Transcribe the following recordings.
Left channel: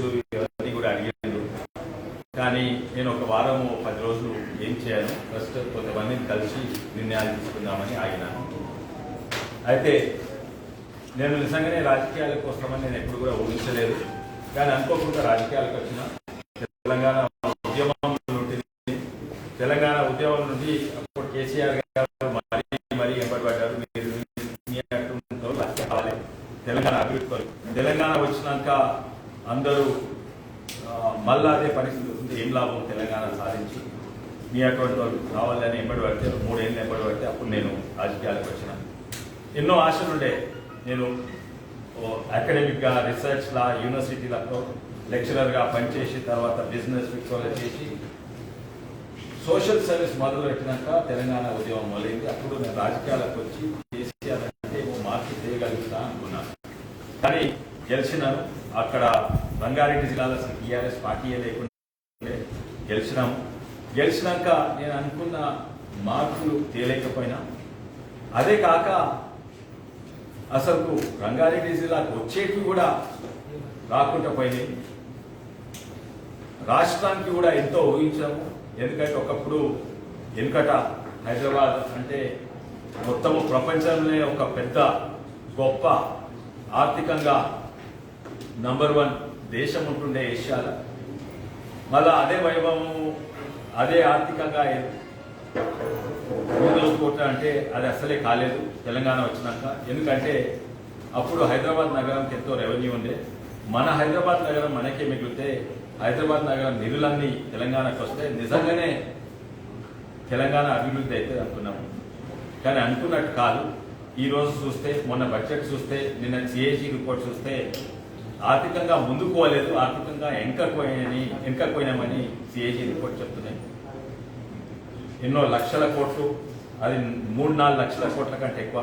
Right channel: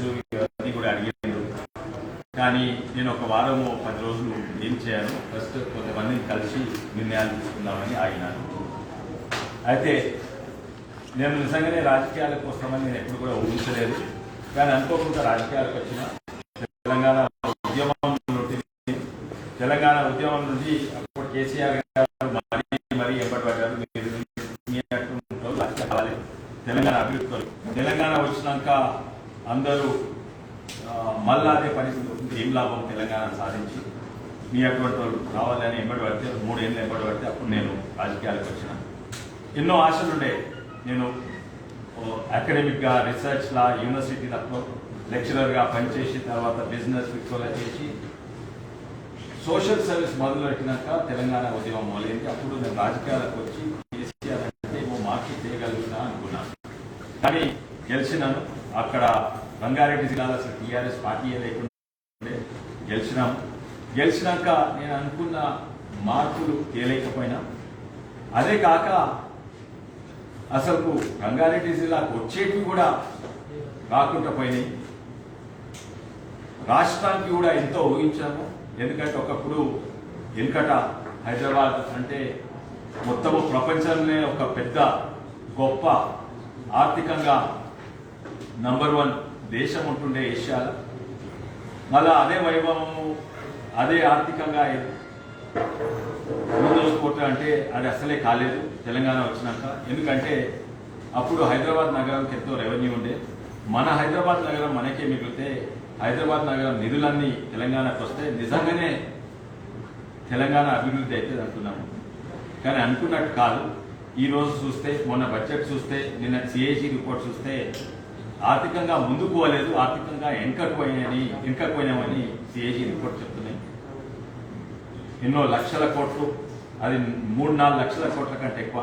ఇవన్నీ కూడా అడిగారు. కానీ నేను ఒక వారము 10 రోజులు ఏం చేయను, ఫస్ట్ కొంతమందిని కలిసి నిర్ణయాలు తీసుకుందామని ఆగినాను. అయితే నేను నిజంగానే రాజకీయాలకు వస్తామని నేను ఎప్పుడు కూడా ఊహించలేదు. కానీ అనుకోకుండా రాజకీయాలకు వచ్చిన తెలంగాణ ఉద్యమం నుండి అప్పుడు కేసీఆర్ గారు మరీ ఎంబడిపడ్డారు. తెలంగాణ అభివృద్ధి తెలంగాణ వచ్చినాక అందరూ మళ్ళా అదే పరిస్థితి ఏం లాభం తెలంగాణ సాధించి మీ అటువంటి వాళ్ళు కావాలని ఎంబడి పడితే 3 ఏళ్ళు ఎంబడి పడితే అప్పుడు నేను రాజకీయాలకు వచ్చిన. ఎన్నో ఆశలుండే. నేను అకాడమిక్గా రీసెర్చ్లా యూనివర్సిటీలకు లెక్చరర్గా పనిచేసి తర్వాత బిజినెస్ విక్టోలో చేసి సోషల్ సర్వీస్ మొదలు పెట్టినాక తెలంగాణ ఉద్యమం మొదలైంది. అప్పుడు నేను రాజకీయాలకు వచ్చి కేసీఆర్ అంటే మార్పు చేయగలుగుతా అనుకున్నాను. కానీ గెలిచినాను. అక్కడ రంగారెడ్డి జిల్లాలో అసలు టీఆర్ఎస్ పార్టీ లేకుండా గెలిచినాము. గెలిచినాక నేను అనుకున్న మార్పులు తేలేకపోయినా, అదే కాక అసలు రంగారెడ్డి జిల్లాకు వచ్చేటి కూడా రాకుండా పోయినాయి. రాష్ట్రానికి కూడా ఎంతో ఊహించాము. ఎందుకంటే ఒకప్పుడు వెనుకట హైదరాబాద్ అంటే మొత్తము ప్రపంచంలోనే ఒక పెద్ద గొప్ప ఆర్థికంగా నంబర్ 1 దేశం ఉంటుండే ఏషియాలో. మళ్ళా అదే వైభవము అదే ఆర్థికంగా ముందలుకోవటం అంటే అది అసలే కాలేదు తెలంగాణ వచ్చినాక. ఎందుకంటే అప్పుడు హైదరాబాద్ నగరంకి ఎంతో రెవెన్యూ ఉండే. మన హైదరాబాద్ నగరం మనకే మిగిలితే హైదరాబాద్ నగరం నిధులన్నీ తెలంగాణకు వస్తే నిజంగానే తెలంగాణ అభివృద్ధి అయితే అనుకున్నాము. కానీ అనుకున్నట్టు కాదు. ఈ రోజు చూస్తే, మొన్న బడ్జెట్ చూస్తే, నిన్న సిఏజీ రిపోర్ట్ చూస్తే ఆర్థికంగా ముందుకు పోలేదు, ఆర్థికంగా వెనకపోయినామని సిఏజీ రిపోర్ట్ చెప్తున్నాయి. ఎన్నో లక్షల కోట్లు, అది 3-4 లక్షల కోట్ల కంటే ఎక్కువ.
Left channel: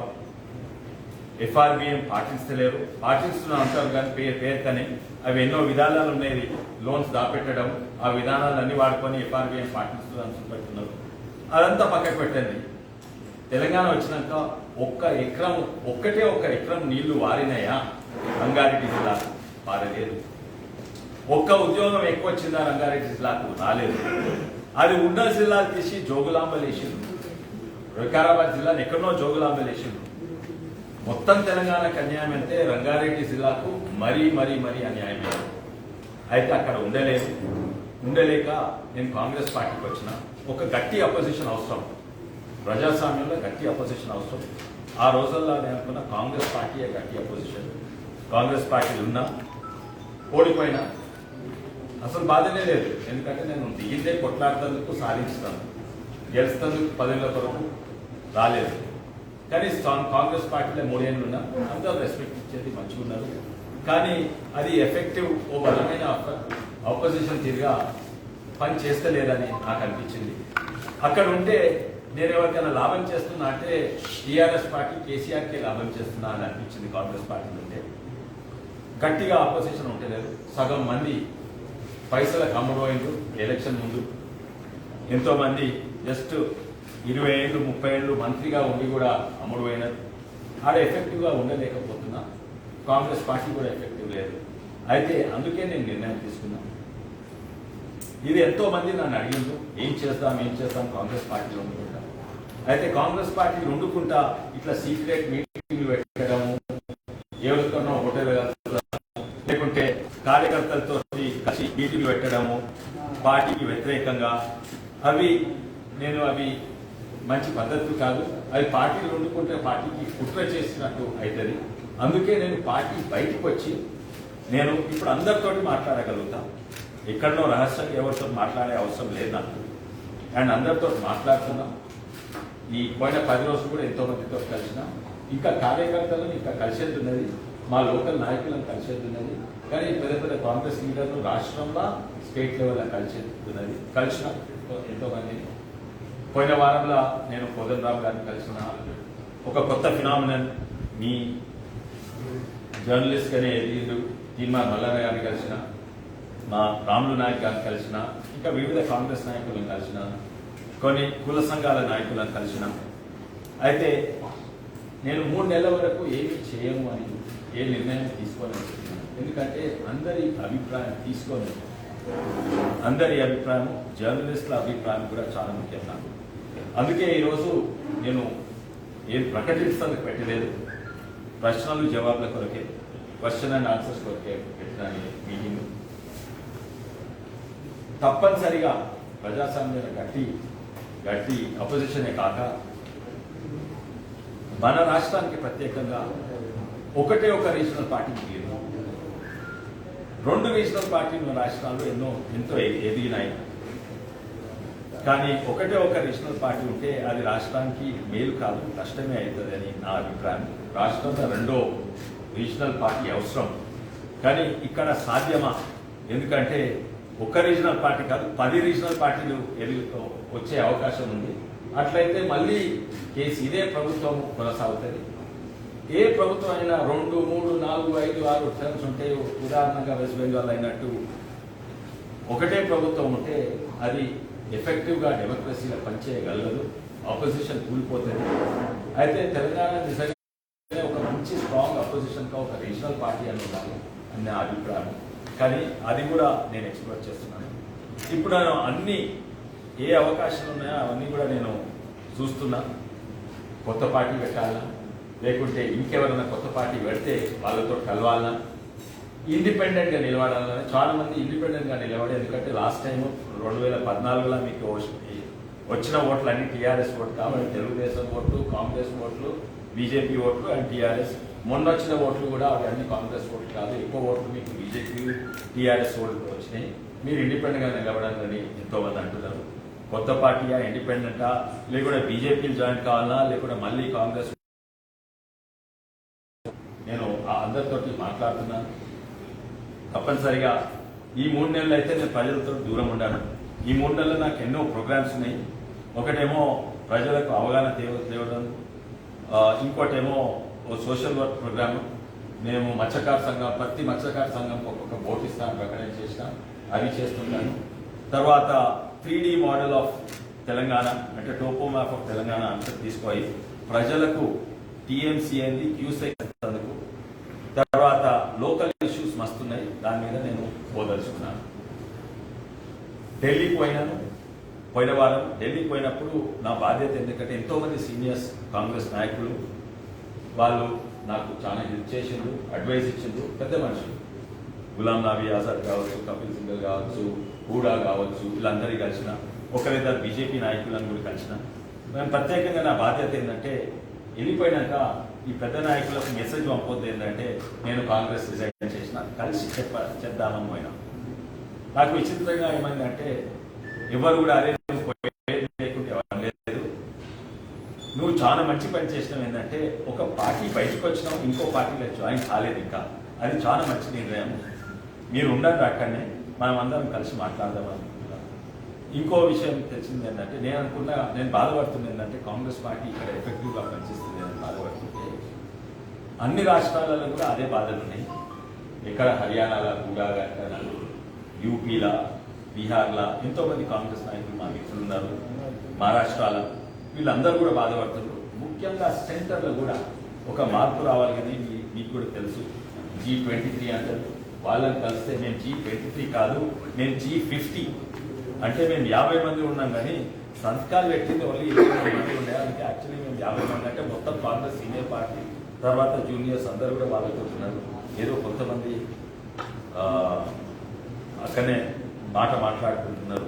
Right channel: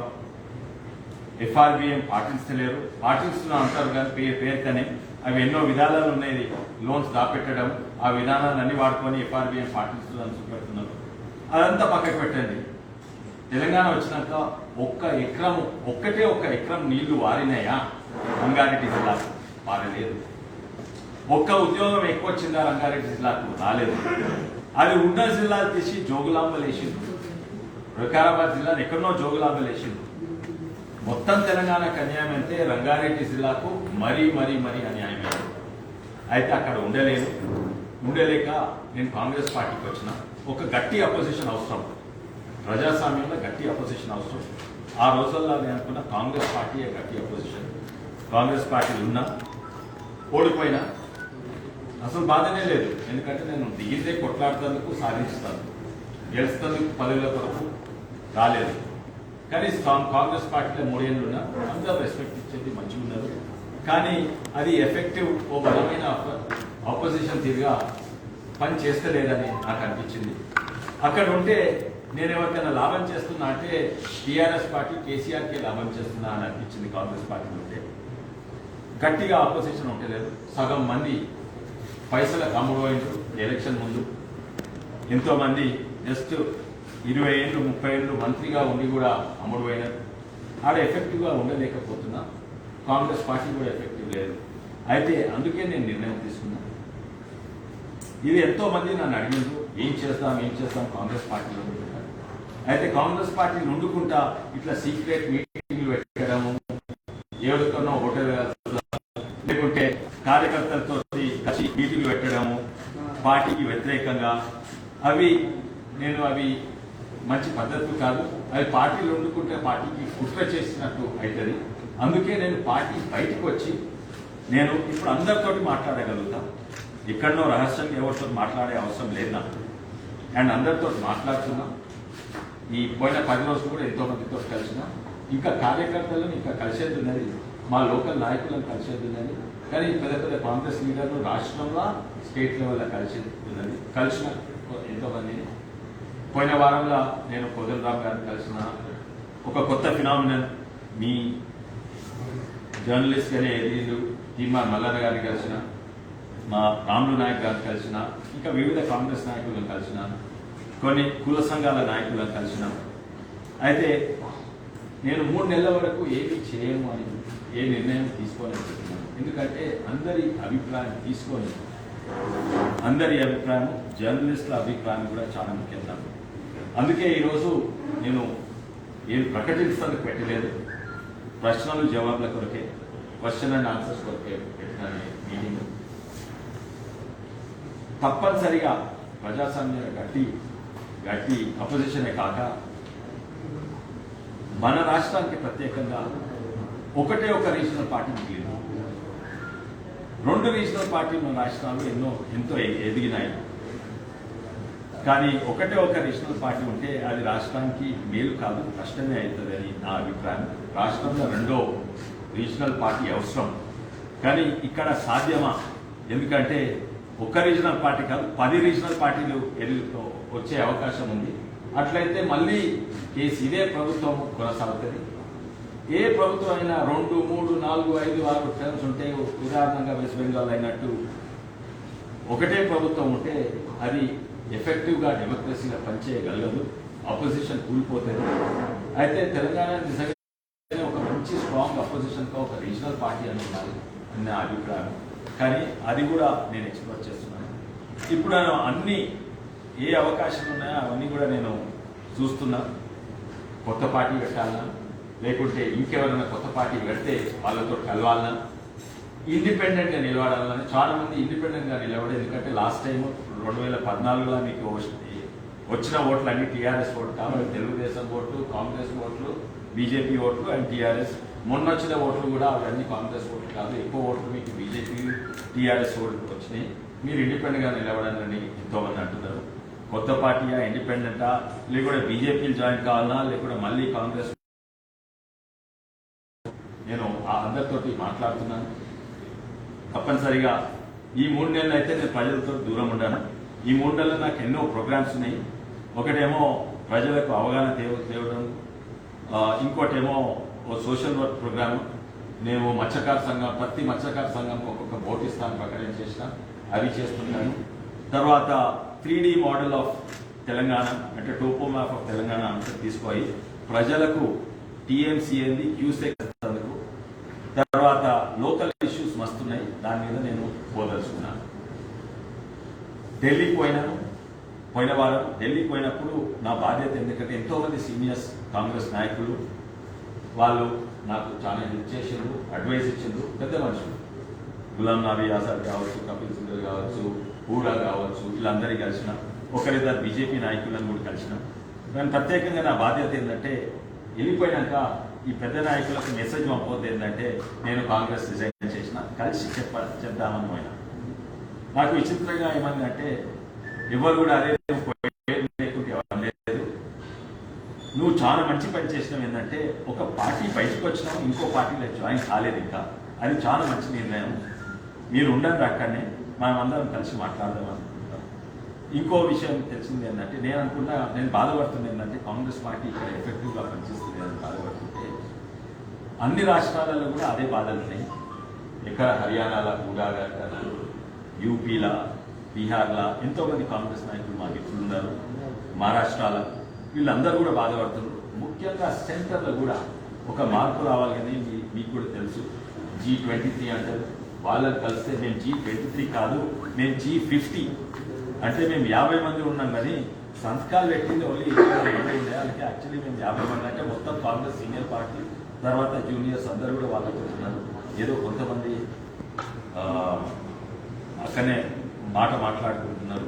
ఎఫ్ఆర్బిఎం పాటించలేరు, పాటిస్తున్న అంటారు కానీ పేరుతనే అవి ఎన్నో విధానాలు ఉన్నాయి. లోన్స్ దాపెట్టడం, ఆ విధానాలన్నీ వాడుకొని ఎఫ్ఆర్బిఎం పాటిస్తుందని చూపెడుతున్నారు. అదంతా పక్కకు పెట్టండి. తెలంగాణ వచ్చినాక ఒక్కటే ఒక్క ఎకరం నీళ్లు వారినాయా రంగారెడ్డి జిల్లాకు? పారలేదు. ఒక్క ఉద్యోగం ఎక్కువ వచ్చిందా రంగారెడ్డి జిల్లాకు? రాలేదు. అది ఉన్న జిల్లాలు తీసి జోగులాంబలు వేసిండ్రు. వికారాబాద్ జిల్లాను ఎక్కడో జోగులాంబలు వేసిండ్రు. మొత్తం తెలంగాణకు అన్యాయం అంటే రంగారెడ్డి జిల్లాకు మరీ అన్యాయం. అయితే అక్కడ ఉండలేక నేను కాంగ్రెస్ పార్టీకి వచ్చిన. ఒక గట్టి అపోజిషన్ అవసరం, ప్రజాస్వామ్యంలో గట్టి అపోజిషన్ అవసరం. ఆ రోజుల్లో నేను అనుకున్న కాంగ్రెస్ పార్టీయే గట్టి అపోజిషన్. కాంగ్రెస్ పార్టీ ఉన్నా, ఓడిపోయినా అసలు బాధనే లేదు. ఎందుకంటే నేను దిగితే కొట్లాడుతందుకు, సాధిస్తాను, గెలుస్తందుకు, పదవుల కొరకు రాలేదు. కానీ కాంగ్రెస్ పార్టీలో 3 ఏళ్ళు ఉన్నా అందరూ రెస్పెక్ట్ ఇచ్చేది మంచిగా ఉన్నారు. కానీ అది ఎఫెక్టివ్ ఓ బలమైన ఆపోజిషన్ తీరుగా పని చేస్తలేదని నాకు అనిపించింది. అక్కడ ఉంటే నేను ఎవరికైనా లాభం చేస్తున్నా అంటే టీఆర్ఎస్ పార్టీ కేసీఆర్కే లాభం చేస్తున్నా అని అనిపించింది. కాంగ్రెస్ పార్టీ ఉంటే గట్టిగా ఆపోజిషన్ ఉంటలేదు. సగం మంది పైసలకు అమ్ముడుపోయిండ్రు. ఎలక్షన్ ముందు ఎంతో మంది జస్ట్ 20 ఏళ్ళు 30 ఏళ్ళు మంత్రిగా ఉండి కూడా అమ్ముడుపోయినారు. ఆడ ఎఫెక్టివ్గా ఉండలేకపోతున్నా. కాంగ్రెస్ పార్టీ కూడా ఎఫెక్టివ్ లేదు. అయితే అందుకే నేను నిర్ణయం తీసుకున్నా. ఇది ఎంతో మంది నన్ను అడిగిండ్రు, ఏం చేస్తాం కాంగ్రెస్ పార్టీలో. అయితే కాంగ్రెస్ పార్టీని వండుకుంటా ఇట్లా సీక్రెట్ మీటింగ్లు పెట్టడము, ఎవరికన్నా హోటల్ లేకుంటే కార్యకర్తలతో కలిసి మీటింగ్లు పెట్టడము పార్టీకి వ్యతిరేకంగా, అవి మంచి పద్ధతి కాదు. అది పార్టీలు వండుకుంటే పార్టీకి కుట్ర చేసినట్టు అవుతుంది. అందుకే నేను పార్టీ బయటకు వచ్చి నేను ఇప్పుడు అందరితోటి మాట్లాడగలుగుతా. ఎక్కడనో రహస్యంగా ఎవరితో మాట్లాడే అవసరం లేదు నాకు. అండ్ అందరితో మాట్లాడుతున్నా. ఈ పోయిన 10 రోజులు కూడా ఎంతో మందితో కలిసిన. ఇంకా కార్యకర్తలను ఇంకా కలిసేది ఉన్నది, మా లోకల్ నాయకులను కలిసేది ఉన్నది. కానీ పెద్ద కాంగ్రెస్ లీడర్లు రాష్ట్రంలో, స్టేట్ లెవెల్లో కలిసేది ఉన్నది. కలిసిన ఎంతో మందిని. పోయిన వారంలో నేను కోదండరామ్ గారిని కలిసిన. ఒక కొత్త ఫినామినల్ మీ జర్నలిస్ట్ గానే ఎదిగిండు తీర్మార్ మల్లన్న గారిని కలిసిన, మా రాములు నాయక్ గారిని కలిసిన, ఇంకా వివిధ కాంగ్రెస్ నాయకులను కలిసిన, కొన్ని కుల సంఘాల నాయకులను కలిసిన. అయితే నేను 3 నెలల వరకు ఏమీ చేయము అని ఏ నిర్ణయం తీసుకోవాలని చెప్తున్నాను. ఎందుకంటే అందరి అభిప్రాయం తీసుకొని అందరి అభిప్రాయం జర్నలిస్టుల అభిప్రాయం కూడా చాలా ముఖ్యం. అందుకే ఈరోజు నేను ఏం ప్రకటించడానికి పెట్టలేదు, ప్రశ్నలు జవాబుల కొరకే, క్వశ్చన్ అండ్ ఆన్సర్స్ కొరకే పెట్టిన మీటింగ్. తప్పనిసరిగా ప్రజాస్వామ్య గట్టి అపోజిషనే కాక మన రాష్ట్రానికి ప్రత్యేకంగా ఒకటే ఒక రీజనల్ పార్టీ మిగిలింది. 2 రీజనల్ పార్టీలు రాష్ట్రాలు ఎంతో ఎదిగినాయి. కానీ ఒకటే ఒక రీజనల్ పార్టీ ఉంటే అది రాష్ట్రానికి మేలు కాదు, నష్టమే అవుతుంది అని నా అభిప్రాయం. రాష్ట్రంలో 2వ రీజనల్ పార్టీ అవసరం, కానీ ఇక్కడ సాధ్యమా? ఎందుకంటే ఒక్క రీజనల్ పార్టీ కాదు, 10 రీజనల్ పార్టీలు వచ్చే అవకాశం ఉంది. అట్లయితే మళ్ళీ ఇదే ప్రభుత్వం కొనసాగుతుంది. ఏ ప్రభుత్వం అయినా 2, 3, 4, 5, 6 టర్మ్స్ ఉంటే, ఉదాహరణగా వెస్ట్ బెంగాల్ అయినట్టు ఒకటే ప్రభుత్వం ఉంటే అది ఎఫెక్టివ్గా డెమోక్రసీగా పనిచేయగలదు, అపోజిషన్ కూలిపోతుంది. అయితే తెలంగాణ నిజంగా ఒక మంచి స్ట్రాంగ్ అపోజిషన్గా ఒక రీజనల్ పార్టీ అని ఉండాలి అని నా అభిప్రాయం. కానీ అది కూడా నేను ఎక్స్ప్లోర్ చేస్తున్నాను. ఇప్పుడు అన్ని ఏ అవకాశాలు ఉన్నాయో అవన్నీ కూడా నేను చూస్తున్నా. కొత్త పార్టీ పెట్టాలన్నా, లేకుంటే ఇంకెవరైనా కొత్త పార్టీ పెడితే వాళ్ళతో కలవాలన్నా, ఇండిపెండెంట్గా నిలబడాలని. చాలా మంది ఇండిపెండెంట్గా నిలబడి, ఎందుకంటే లాస్ట్ టైం 2014లో మీకు వచ్చిన ఓట్లు అన్ని టీఆర్ఎస్ ఓట్లు కాబట్టి తెలుగుదేశం ఓట్లు, కాంగ్రెస్ ఓట్లు, బీజేపీ ఓట్లు అండ్ టీఆర్ఎస్. మొన్న వచ్చిన ఓట్లు కూడా అవన్నీ కాంగ్రెస్ ఓట్లు కాదు, ఎక్కువ ఓట్లు మీకు బీజేపీ టీఆర్ఎస్ ఓట్లు వచ్చినాయి. మీరు ఇండిపెండెంట్గా నిలబడాలని ఎంతోమంది అంటున్నారు. కొత్త పార్టీయా, ఇండిపెండెంటా, లేకుంటే బీజేపీలు జాయిన్ కావాలన్నా, లేకుంటే మళ్ళీ కాంగ్రెస్? నేను అందరితోటి మాట్లాడుతున్నాను. తప్పనిసరిగా ఈ 3 నెలలు అయితే నేను ప్రజలతో దూరం ఉండాను. ఈ 3 నెలలు నాకు ఎన్నో ప్రోగ్రామ్స్ ఉన్నాయి. ఒకటేమో ప్రజలకు అవగాహన తేవడం, ఇంకోటేమో సోషల్ వర్క్ ప్రోగ్రామ్. మేము మత్స్యకార సంఘం, ప్రతి మత్స్యకార సంఘం ఒక్కొక్క బోట్ ఇస్తాను ప్రకటన చేసిన, అది చేస్తున్నాను. తర్వాత 3D మోడల్ ఆఫ్ తెలంగాణ, అంటే టోపో మ్యాప్ ఆఫ్ తెలంగాణ అంతా తీసుకొని ప్రజలకు టీఎంసీ ఏంది, క్యూసెక్ అందుకు. తర్వాత లోకల్ ఇష్యూస్ మస్తున్నాయి, దాని మీద నేను పోదలుచుకున్నాను. ఢిల్లీకి పోయినాను. పోయిన వారం ఢిల్లీకి పోయినప్పుడు నా బాధ్యత, ఎందుకంటే ఎంతో మంది సీనియర్స్ కాంగ్రెస్ నాయకులు వాళ్ళు నాకు చాలా హెల్ప్ చేసిండ్రు, అడ్వైస్ ఇచ్చిండ్రు. పెద్ద మనుషులు, గులాం నబీ ఆజాద్ కావచ్చు, కపిల్ సిబల్ కావచ్చు, హూడా కావచ్చు, వీళ్ళందరినీ కలిసిన, ఒకరిద్దరు బీజేపీ నాయకులను కూడా కలిసిన. నేను ప్రత్యేకంగా నా బాధ్యత ఏంటంటే, వెళ్ళిపోయినాక ఈ పెద్ద నాయకులకు మెసేజ్ పంపొద్దు ఏంటంటే నేను కాంగ్రెస్ రిజైన్ చేసిన, కలిసి చెప్దామని పోయినా. నాకు విచిత్రంగా ఏమైందంటే, ఎవరు కూడా అదే లేకుంటే ఎవరు లేదు, నువ్వు చాలా మంచి పని చేసినావు. ఏంటంటే ఒక పార్టీ బయటకు వచ్చినావు, ఇంకో పార్టీలో జాయిన్ కాలేదు ఇంకా, అది చాలా మంచి నిర్ణయం. మీరు ఉండండి అక్కడనే, మనమందరం కలిసి మాట్లాడదాం అనుకుంటున్నాం. ఇంకో విషయం తెలిసింది ఏంటంటే, నేను బాధపడుతుంది ఏంటంటే, కాంగ్రెస్ పార్టీ ఇక్కడ ఎఫెక్టివ్గా పనిచేస్తుంది అని బాధపడుతుంటే, అన్ని రాష్ట్రాలలో కూడా అదే బాధలు ఉన్నాయి. ఇక్కడ హర్యానాలో కూడా, యూపీలా, బీహార్లా ఎంతోమంది కాంగ్రెస్ నాయకులు మా మిత్రులు ఉన్నారు, మహారాష్ట్రలో వీళ్ళందరూ కూడా బాధపడుతున్నారు. ముఖ్యంగా సెంటర్లో కూడా ఒక మార్పు రావాలి కానీ మీకు కూడా తెలుసు, G23 అంటారు. వాళ్ళని కలిస్తే మేము G23 కాదు, మేము G50 అంటే మేము 50 మంది ఉన్నాం. కానీ సంతకాలు పెట్టింది ఓన్లీ 20 మంది ఉండే వాళ్ళకి. యాక్చువల్లీ మేము 50 మంది అంటే మొత్తం కాంగ్రెస్ సీనియర్ పార్టీ, తర్వాత జూనియర్స్ అందరూ కూడా వాళ్ళకి ఉంటున్నారు. ఏదో కొంతమంది అక్కడనే మాట్లాడుకుంటున్నారు.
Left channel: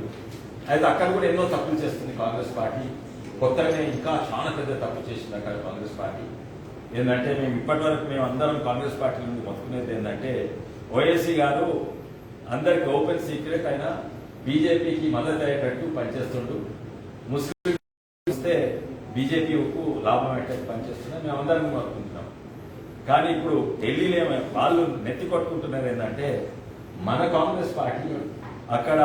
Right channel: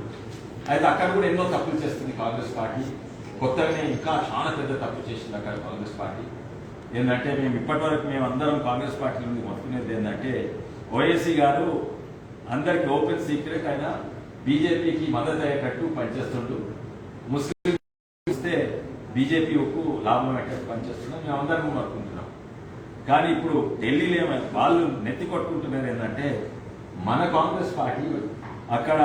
అయితే అక్కడ కూడా ఎన్నో తప్పులు చేస్తుంది కాంగ్రెస్ పార్టీ. కొత్తగానే ఇంకా చాలా పెద్ద తప్పు చేసింది అక్కడ కాంగ్రెస్ పార్టీ. ఏంటంటే మేము ఇప్పటివరకు అందరం కాంగ్రెస్ పార్టీ నుండి మొత్తుకునేది ఏంటంటే, ఓఎస్సీ గారు అందరికి ఓపెన్ సీక్రెట్ అయినా బీజేపీకి మద్దతు అయ్యేటట్టు పనిచేస్తుంటూ, ముస్లిం ఇస్తే బీజేపీకు లాభం అయ్యేటట్టు పనిచేస్తున్నాం, మేమందరం మొత్తుకుంటున్నాం. కానీ ఇప్పుడు ఢిల్లీలో వాళ్ళు నెత్తి కొట్టుకుంటున్నారు ఏంటంటే, మన కాంగ్రెస్ పార్టీ అక్కడ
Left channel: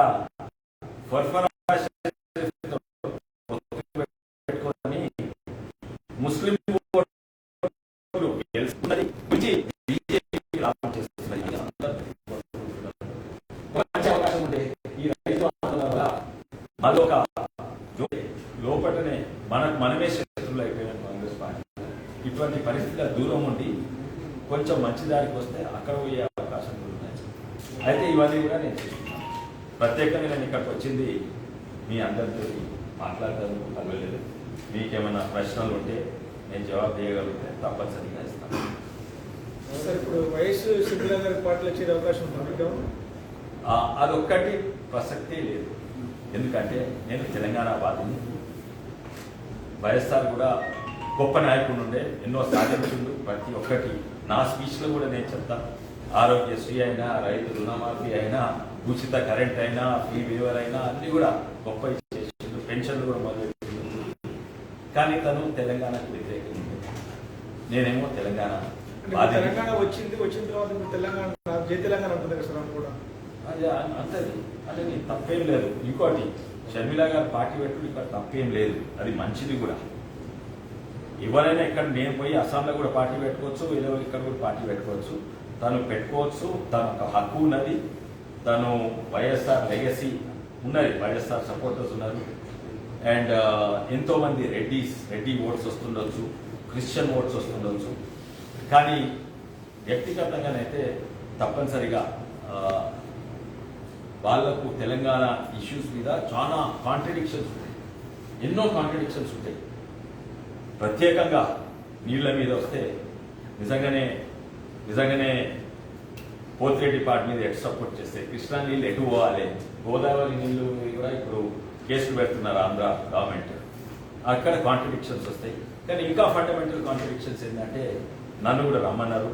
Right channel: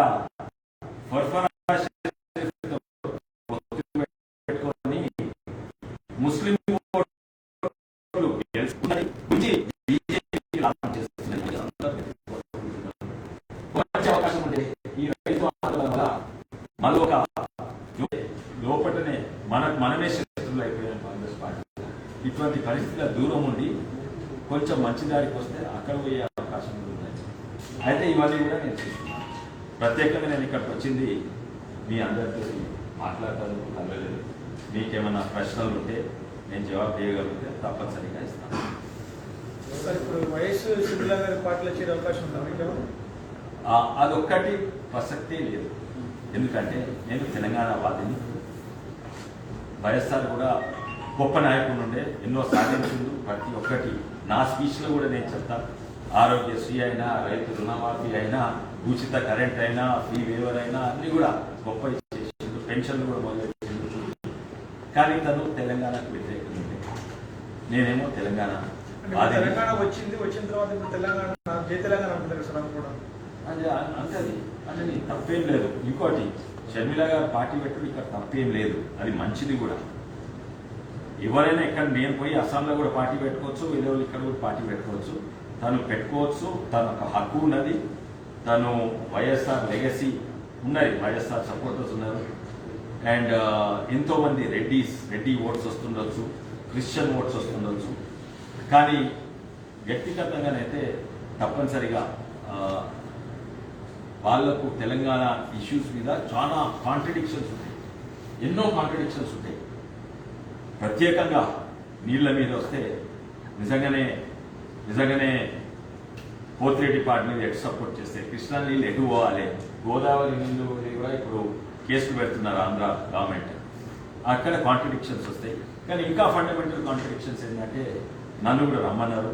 పెట్టుకొని ముస్లిం లాభం చేస్తున్నారు. అవకాశం ఉంటే ఈ రైతు వల్ల మరొక లోపలనే మనమే శత్రువులు అయిపోయాం కాంగ్రెస్ పార్టీ. ఇటువంటి పరిస్థితుల దూరం ఉండి కొంచెం మంచి దారికి వస్తే అక్కడ పోయే అవకాశం అయితే ఇవన్నీ కూడా నేను చూస్తున్నాను. ప్రత్యేకంగా నేను ఇక్కడికి వచ్చింది మీ అందరితో మాట్లాడతాను కలవలేదు. మీకేమైనా ప్రశ్నలు ఉంటే నేను జవాబు చేయగలిగితే తప్పనిసరిగా ఇస్తాను. సార్ ఇప్పుడు వైఎస్ షర్మిల గారి పార్టీలో చేరే అవకాశం ఉందా? అదొక్కటి ప్రసక్తే లేదు. ఎందుకంటే నేను తెలంగాణ వాదిని. వైఎస్ఆర్ కూడా గొప్ప నాయకుడు ఉండే, ఎన్నో సాధించిండు. ప్రతి ఒక్కటి నా స్పీచ్లో కూడా నేను చెప్తాను. ఆరోగ్యశ్రీ అయినా, రైతు రుణమాఫీ అయినా, ఉచిత కరెంట్ అయినా, ఫీ వేవర్ అయినా అన్ని కూడా గొప్ప చేసిండు. పెన్షన్లు కూడా మొదలెట్టిండు. కానీ తను తెలంగాణకు వ్యతిరేకంగా ఉండే, నేనేమో తెలంగాణ తెలంగాణ వచ్చిన తర్వాత ఇప్పుడు తెలంగాణ జై తెలంగాణ అనుకుంటారు సార్ అని కూడా అంతది అంటే తప్పేం లేదు. ఇంకోటి షర్మిల గారు పార్టీ పెట్టుకుని ఇక్కడ తప్పేం లేదు, అది మంచిది కూడా. ఎవరైనా ఇక్కడ నేను పోయి అస్సాంలో కూడా పార్టీ పెట్టుకోవచ్చు, వేరే ఇక్కడ కూడా పార్టీ పెట్టుకోవచ్చు. తను పెట్టుకోవచ్చు, తను ఒక హక్కు ఉన్నది. తను వైఎస్ఆర్ లెగసీ ఉన్నది, వైఎస్ఆర్ సపోర్టర్స్ ఉన్నారు. అండ్ ఎంతో మంది రెడ్డి ఓట్స్ వస్తుండొచ్చు, క్రిస్టియన్ ఓట్స్ వస్తుండొచ్చు. కానీ వ్యక్తిగతంగానైతే తప్పనిసరిగా వాళ్లకు తెలంగాణ ఇష్యూస్ మీద చాలా కాంట్రడిక్షన్స్ ఉంటాయి, ఎన్నో కాంట్రడిక్షన్స్ ఉంటాయి. ప్రత్యేకంగా నీళ్ల మీద వస్తే నిజంగానే పోతిరెడ్డి పార్టీ మీద ఎటు సపోర్ట్ చేస్తే, కృష్ణా నీళ్ళు ఎటు పోవాలి, గోదావరి నీళ్లు కూడా ఇప్పుడు కేసులు పెడుతున్నారు ఆంధ్ర గవర్నమెంట్. అక్కడ కాంట్రడిక్షన్స్ వస్తాయి. కానీ ఇంకా ఫండమెంటల్ కాంట్రడిక్షన్స్ ఏంటంటే నన్ను కూడా రమ్మన్నారు.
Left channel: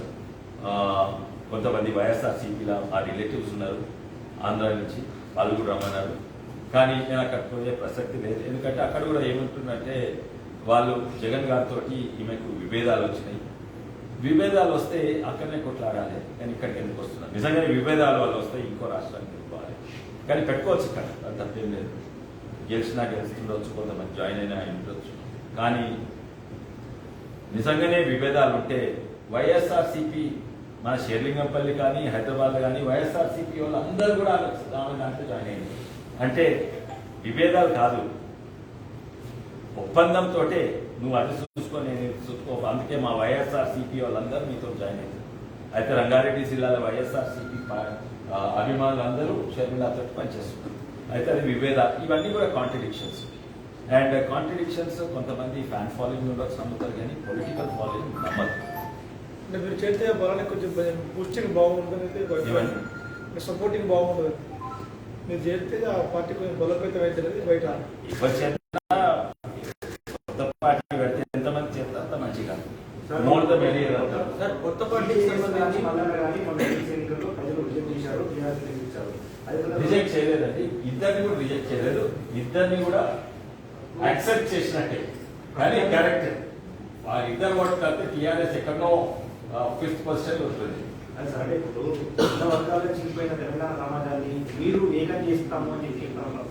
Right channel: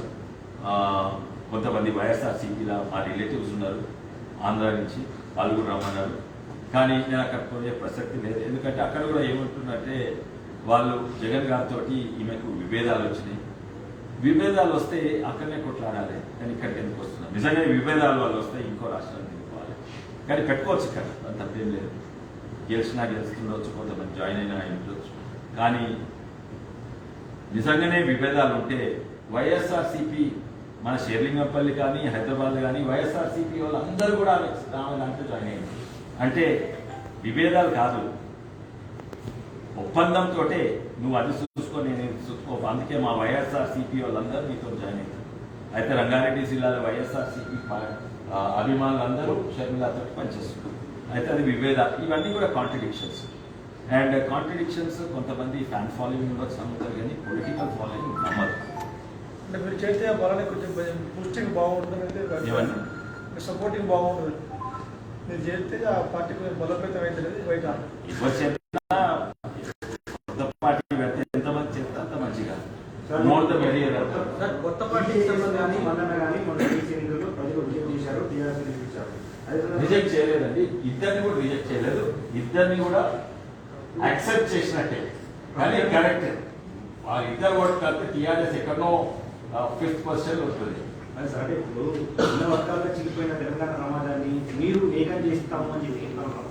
కొంతమంది వైఎస్ఆర్సీపీలో మా రిలేటివ్స్ ఉన్నారు ఆంధ్ర నుంచి, వాళ్ళు కూడా రమ్మన్నారు. కానీ నేను అక్కడ పోయే ప్రసక్తి లేదు. ఎందుకంటే అక్కడ కూడా ఏమంటున్నట్టే వాళ్ళు జగన్ గారితో ఈమెకు విభేదాలు వచ్చినాయి. విభేదాలు వస్తే అక్కడనే కొట్లాడాలి, కానీ ఇక్కడికి ఎందుకు వస్తున్నారు? నిజంగా ఈ విభేదాలు వాళ్ళు వస్తే ఇంకో రాష్ట్రానికి వెళ్ళిపోవాలి. కానీ పెట్టుకోవచ్చు ఇక్కడ, అది తప్పేం లేదు. గెలుస్తుండొచ్చు, కొంతమంది జాయిన్ అయినా ఉండొచ్చు. కానీ నిజంగానే విభేదాలు ఉంటే వైఎస్ఆర్సీపీ మన షేర్లింగంపల్లి కానీ హైదరాబాద్ కానీ వైఎస్ఆర్సీపీ వాళ్ళు అందరూ కూడా దాంట్లో జాయిన్ అయింది. అంటే విభేదాలు కాదు, ఒప్పందంతో నువ్వు అది చూసుకో, నేను చూసుకో. అందుకే మా వైఎస్ఆర్సీపీ వాళ్ళందరూ మీతో జాయిన్ అయ్యారు. అయితే రంగారెడ్డి జిల్లాలో వైఎస్ఆర్సీపీ అభిమానులు అందరూ షర్మిలతో పనిచేస్తున్నారు. అయితే అది విభేదాలు, ఇవన్నీ కూడా కాంట్రడిక్షన్స్. అండ్ కాంట్రడిక్షన్స్ కొంతమంది ఫ్యాన్ ఫాలోయింగ్ ఉండొచ్చు, నమ్ముతారు, కానీ పొలిటికల్ ఫాలోయింగ్ నమ్మదు. అంటే మీరు చేస్తే బలానికి కొంచెం బూస్టింగ్ బాగుంటుంది, సపోర్టింగ్ బాగుంటుంది. మీరు చేస్తే ఆ పార్టీ కొంచెం బలోపేతం అవుతుంది బయట. కొత్త పార్టీ పెడితే ఎంతమంది చేస్తే అంత మంచిగా మోర్ ద మెరియర్. కొత్త పార్టీ రిజెక్ట్ చేయలేదండి, ఇద్దరిని కూడా రిజెక్ట్ చేయలేదు. ఇద్దరిని కూడా యాక్సెప్ట్ చేసినట్టే. కానీ కరెక్ట్, ఇద్దరు ఓటు కలిపి టీఆర్ఎస్ ఎక్కడో 5th పొజిషన్ వస్తుంది. సరే, ఇప్పుడు చిన్న వర్గాల్లో చిరిగిపోయిన తెలంగాణ సమాజాన్ని మీరు ఏకం చేస్తాము అని చెప్పి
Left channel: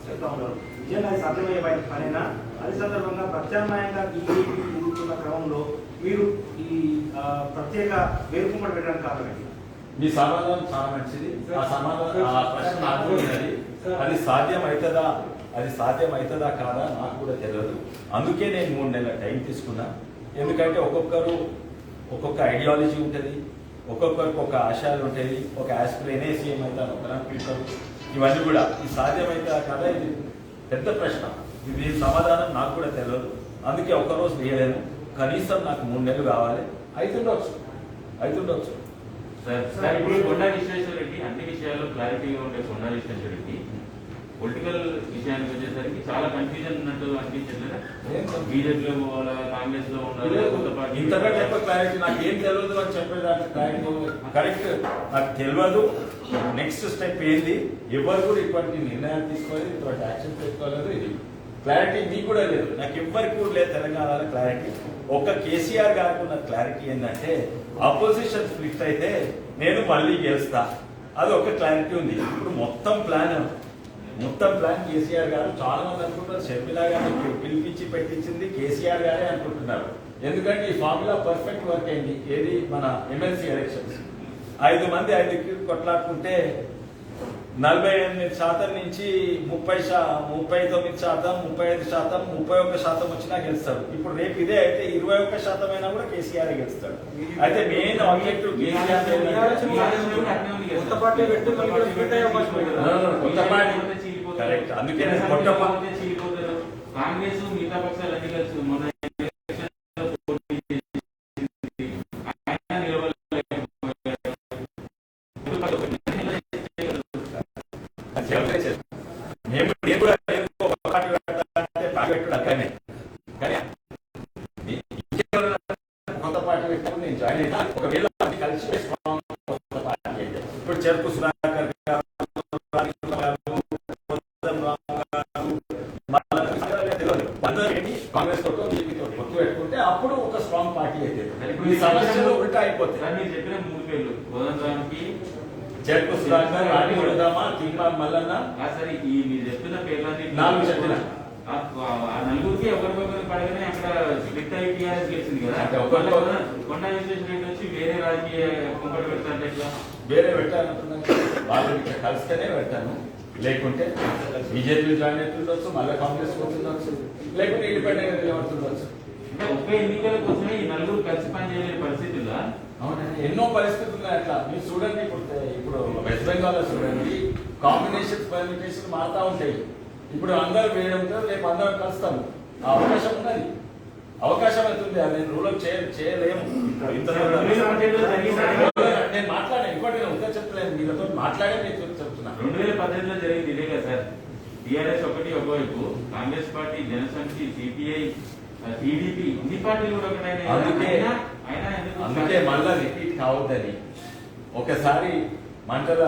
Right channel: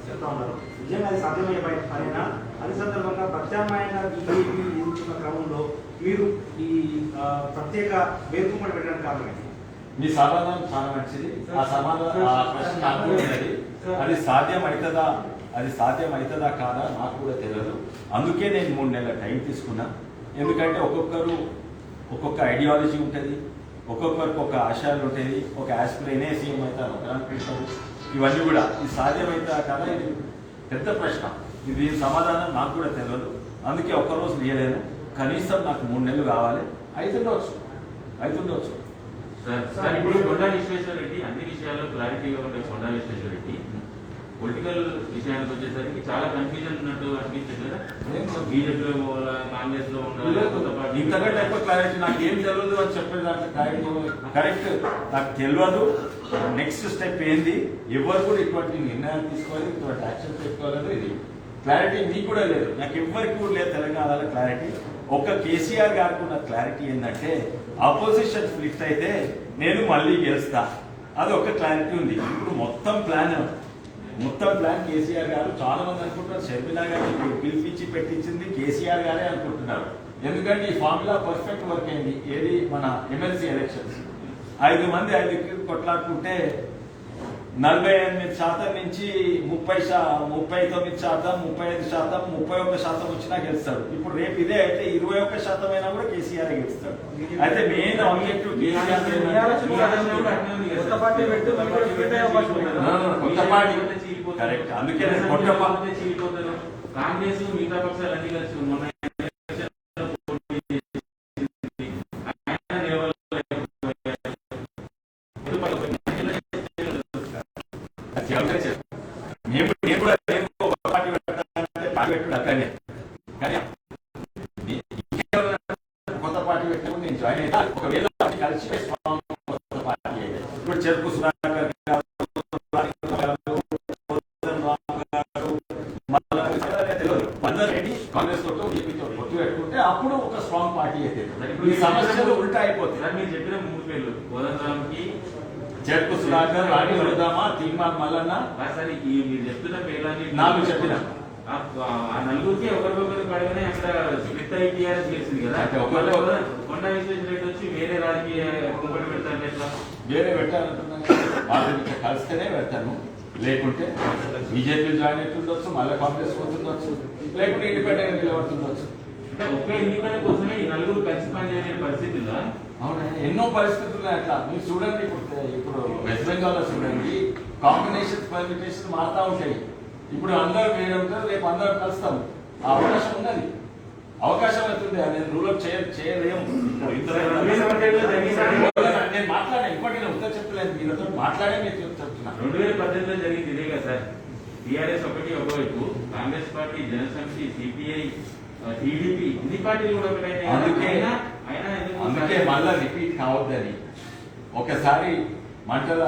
చెప్తా ఉన్నారు. నిజంగా అది సాధ్యమయ్యే పనైనా? అదే సందర్భంగా ప్రత్యామ్నాయంగా బీజేపీ ఊరుతున్న క్రమంలో మీరు ఈ ప్రత్యేక వేరుకుమ్మడి పెట్టడానికి కారణం ఈ సమాధానం చాలా మంచిది. ఆ సమాధానం, ఆ ప్రశ్న నాకు ఉన్నది. అది సాధ్యమవుతుందా కాదా నాకు కూడా తెలియదు. అందుకే నేను 3 నెలల టైం తీసుకున్నా. ఎందుకంటే ఒక్కొక్క ఐడియాలజీ ఉంటుంది, ఒక్కొక్కరికి ఒక ఆశయాలు ఉంటాయి. ఒక ఆస్పిరేనే సీఎం అవుతారు, ఒక అనిపిస్తారు. ఇవన్నీ కూడా ఈ సాధ్యమవుతా కదా, ఇది పెద్ద ప్రశ్న. ఇది సమాధానం నాకు కూడా తెలియదు. అందుకే ఒక్కరోజు వేయలేను. కనీసం నాకు 3 నెలలు కావాలి. అవుతుండొచ్చు. సార్ ఇప్పుడు కొండా విశ్వేశ్వర రెడ్డి అన్ని విషయాల్లో క్లారిటీగా ఉండే కొండా విశ్వేశ్వర రెడ్డి పొలిటికల్ విషయానికి వచ్చేసరికి చాలా కన్ఫ్యూజన్ ఉన్నట్టు అనిపించదు. బీజేపీలో పోవాలా, కాంగ్రెస్ లో ఉండాలి, కొత్త పార్టీ. ఇంతకంటే ఎక్కువ క్లారిటీ నాకు ఏం తెలియదు అని చెప్పేదాన్ని క్లారిటీ కరెక్ట్ నాకు తెలియదు. నెక్స్ట్ స్టెప్ ఏంది, ఎవరు కూడా ఇటువంటి నిర్ణయాలు తీసుకోవాలి, ఇటువంటి యాక్షన్ పెట్టుకోలేదు. ఇది క్లారిటీ మీకు కూడా లేదు, నాకు ఎవరికి కూడా లేదు తెలంగాణలో క్లారిటీ. ఒక కేసీఆర్ గారికి ఉన్న క్లారిటీ ఏంటంటే ఆపోజిషన్ స్ప్లిట్ అయితే నేను మళ్ళీ గెలుస్తా, అది ఒక క్లారిటీ ఉంది. ఇప్పుడు మొత్తం ప్లాన్ కేసీఆర్ గారు చాలా మంది అనుకుంటారు షర్మిల గారిని పిలిపించి పెట్టించింది కేసీఆర్ గారే అనుకుంటున్నారు. ఎందుకంటే ఈ ఫార్ములా పర్ఫెక్ట్ వర్క్ అయింది. ఏది మన ఎమ్మెల్సీ ఎలక్షన్స్ 5 మంది 5 కొట్లాడుకుంటే 48% నుంచి 39%, 35%, 31% వచ్చినా గెలుస్తారు. ఇప్పుడు రేపు ఇదే అయితే 21% అయినా కూడా కేసీఆర్ గెలుస్తాడు. అయితే మెయిన్ ఆబ్జెక్టివ్ కొత్త పార్టీ పెట్టి కొత్త పార్టీ కరెక్ట్. అందుకే కొత్త చీలిపోతారు. కాంగ్రెస్ మిగతా పక్షాలన్నీ కలిసి మొన్న కొత్త పార్టీ పెట్టుకుని నేను జాయిన్ అయినా ఒకవేళ కలిసి ఇప్పుడు చెరుకు సుధాకర్ గారు, కాంగ్రెస్ తోటో బీజేపీతో పొత్తు పెట్టుకుంటే అప్పుడు ఒక స్ట్రాంగ్ పార్టీ అయితే ఈ సమస్యలు ఉల్టా అయిపోతాయి. మీరు చెప్పిన 3 పేర్లు కోదండరాంకి, చెరుకు సుధాకర్, రాణి వరదామా, తీర్మాన్ మల్లన్న, సరే ఈ మీరు చెప్తున్న పేర్లన్నీ 4 చెప్పిన ఆ నలుగురికి ఒకరికొకరు పడగానే అక్కడ స్ప్లిట్ అయి టీఆర్ఎస్ గెలిచింది కదా. అంటే ఒకరికొకరు కొండ విశ్వేశ్వరరెడ్డి వచ్చి వేరే రాజకీయ కుంపటి పెడతాంటే ఎట్లా? వేరే పెట్టాలంటున్నాను. వాళ్ళు ఇక్కడ కలిస్తేనే పెడతాను. లేకుంటే బీజేపీ జాయిన్ అవుతుండొచ్చు, మళ్ళీ కాంగ్రెస్ పోతుండొచ్చు, లేకుంటే ఇండిపెండెంట్ నిలబడుతుండొచ్చు. అంటే ఒకే ఎన్నికల కోసమే ఈ నలుగురు కలిసి పనిచేయలేని పరిస్థితుల్లో అవునా? ఎన్నో పరిస్థితులు అట్లా మీరు చూడండి. ఇప్పుడు వెస్ట్ బెంగాల్ లో చూడండి, కాంబినేషన్స్ పర్మిటేషన్ మారుతా ఉంటాయి. ఇప్పుడు అందరూ వేరే ఉంటారు, రేపు అందరం కలుస్తాం. ఆ అవకాశం ఉన్నది. అవకాశం అవుతుంది. నేను రూల్ చేయలేము. నేను మాట్లాడా ఇప్పటి నేను ఉత్తర చెప్పలేను. మీతో మాట్లాడే మీరు చెప్తున్నా. 2018 జరిగింది ఇదే కదా సార్. టీఆర్ఎస్ ఒకవైపు, Congress party, Janasamithi, CPI, TDP ఇన్ని పార్టీలు కూడా అందుకే మళ్ళా రిపీట్ కావద్దని ఒకసారి మంటల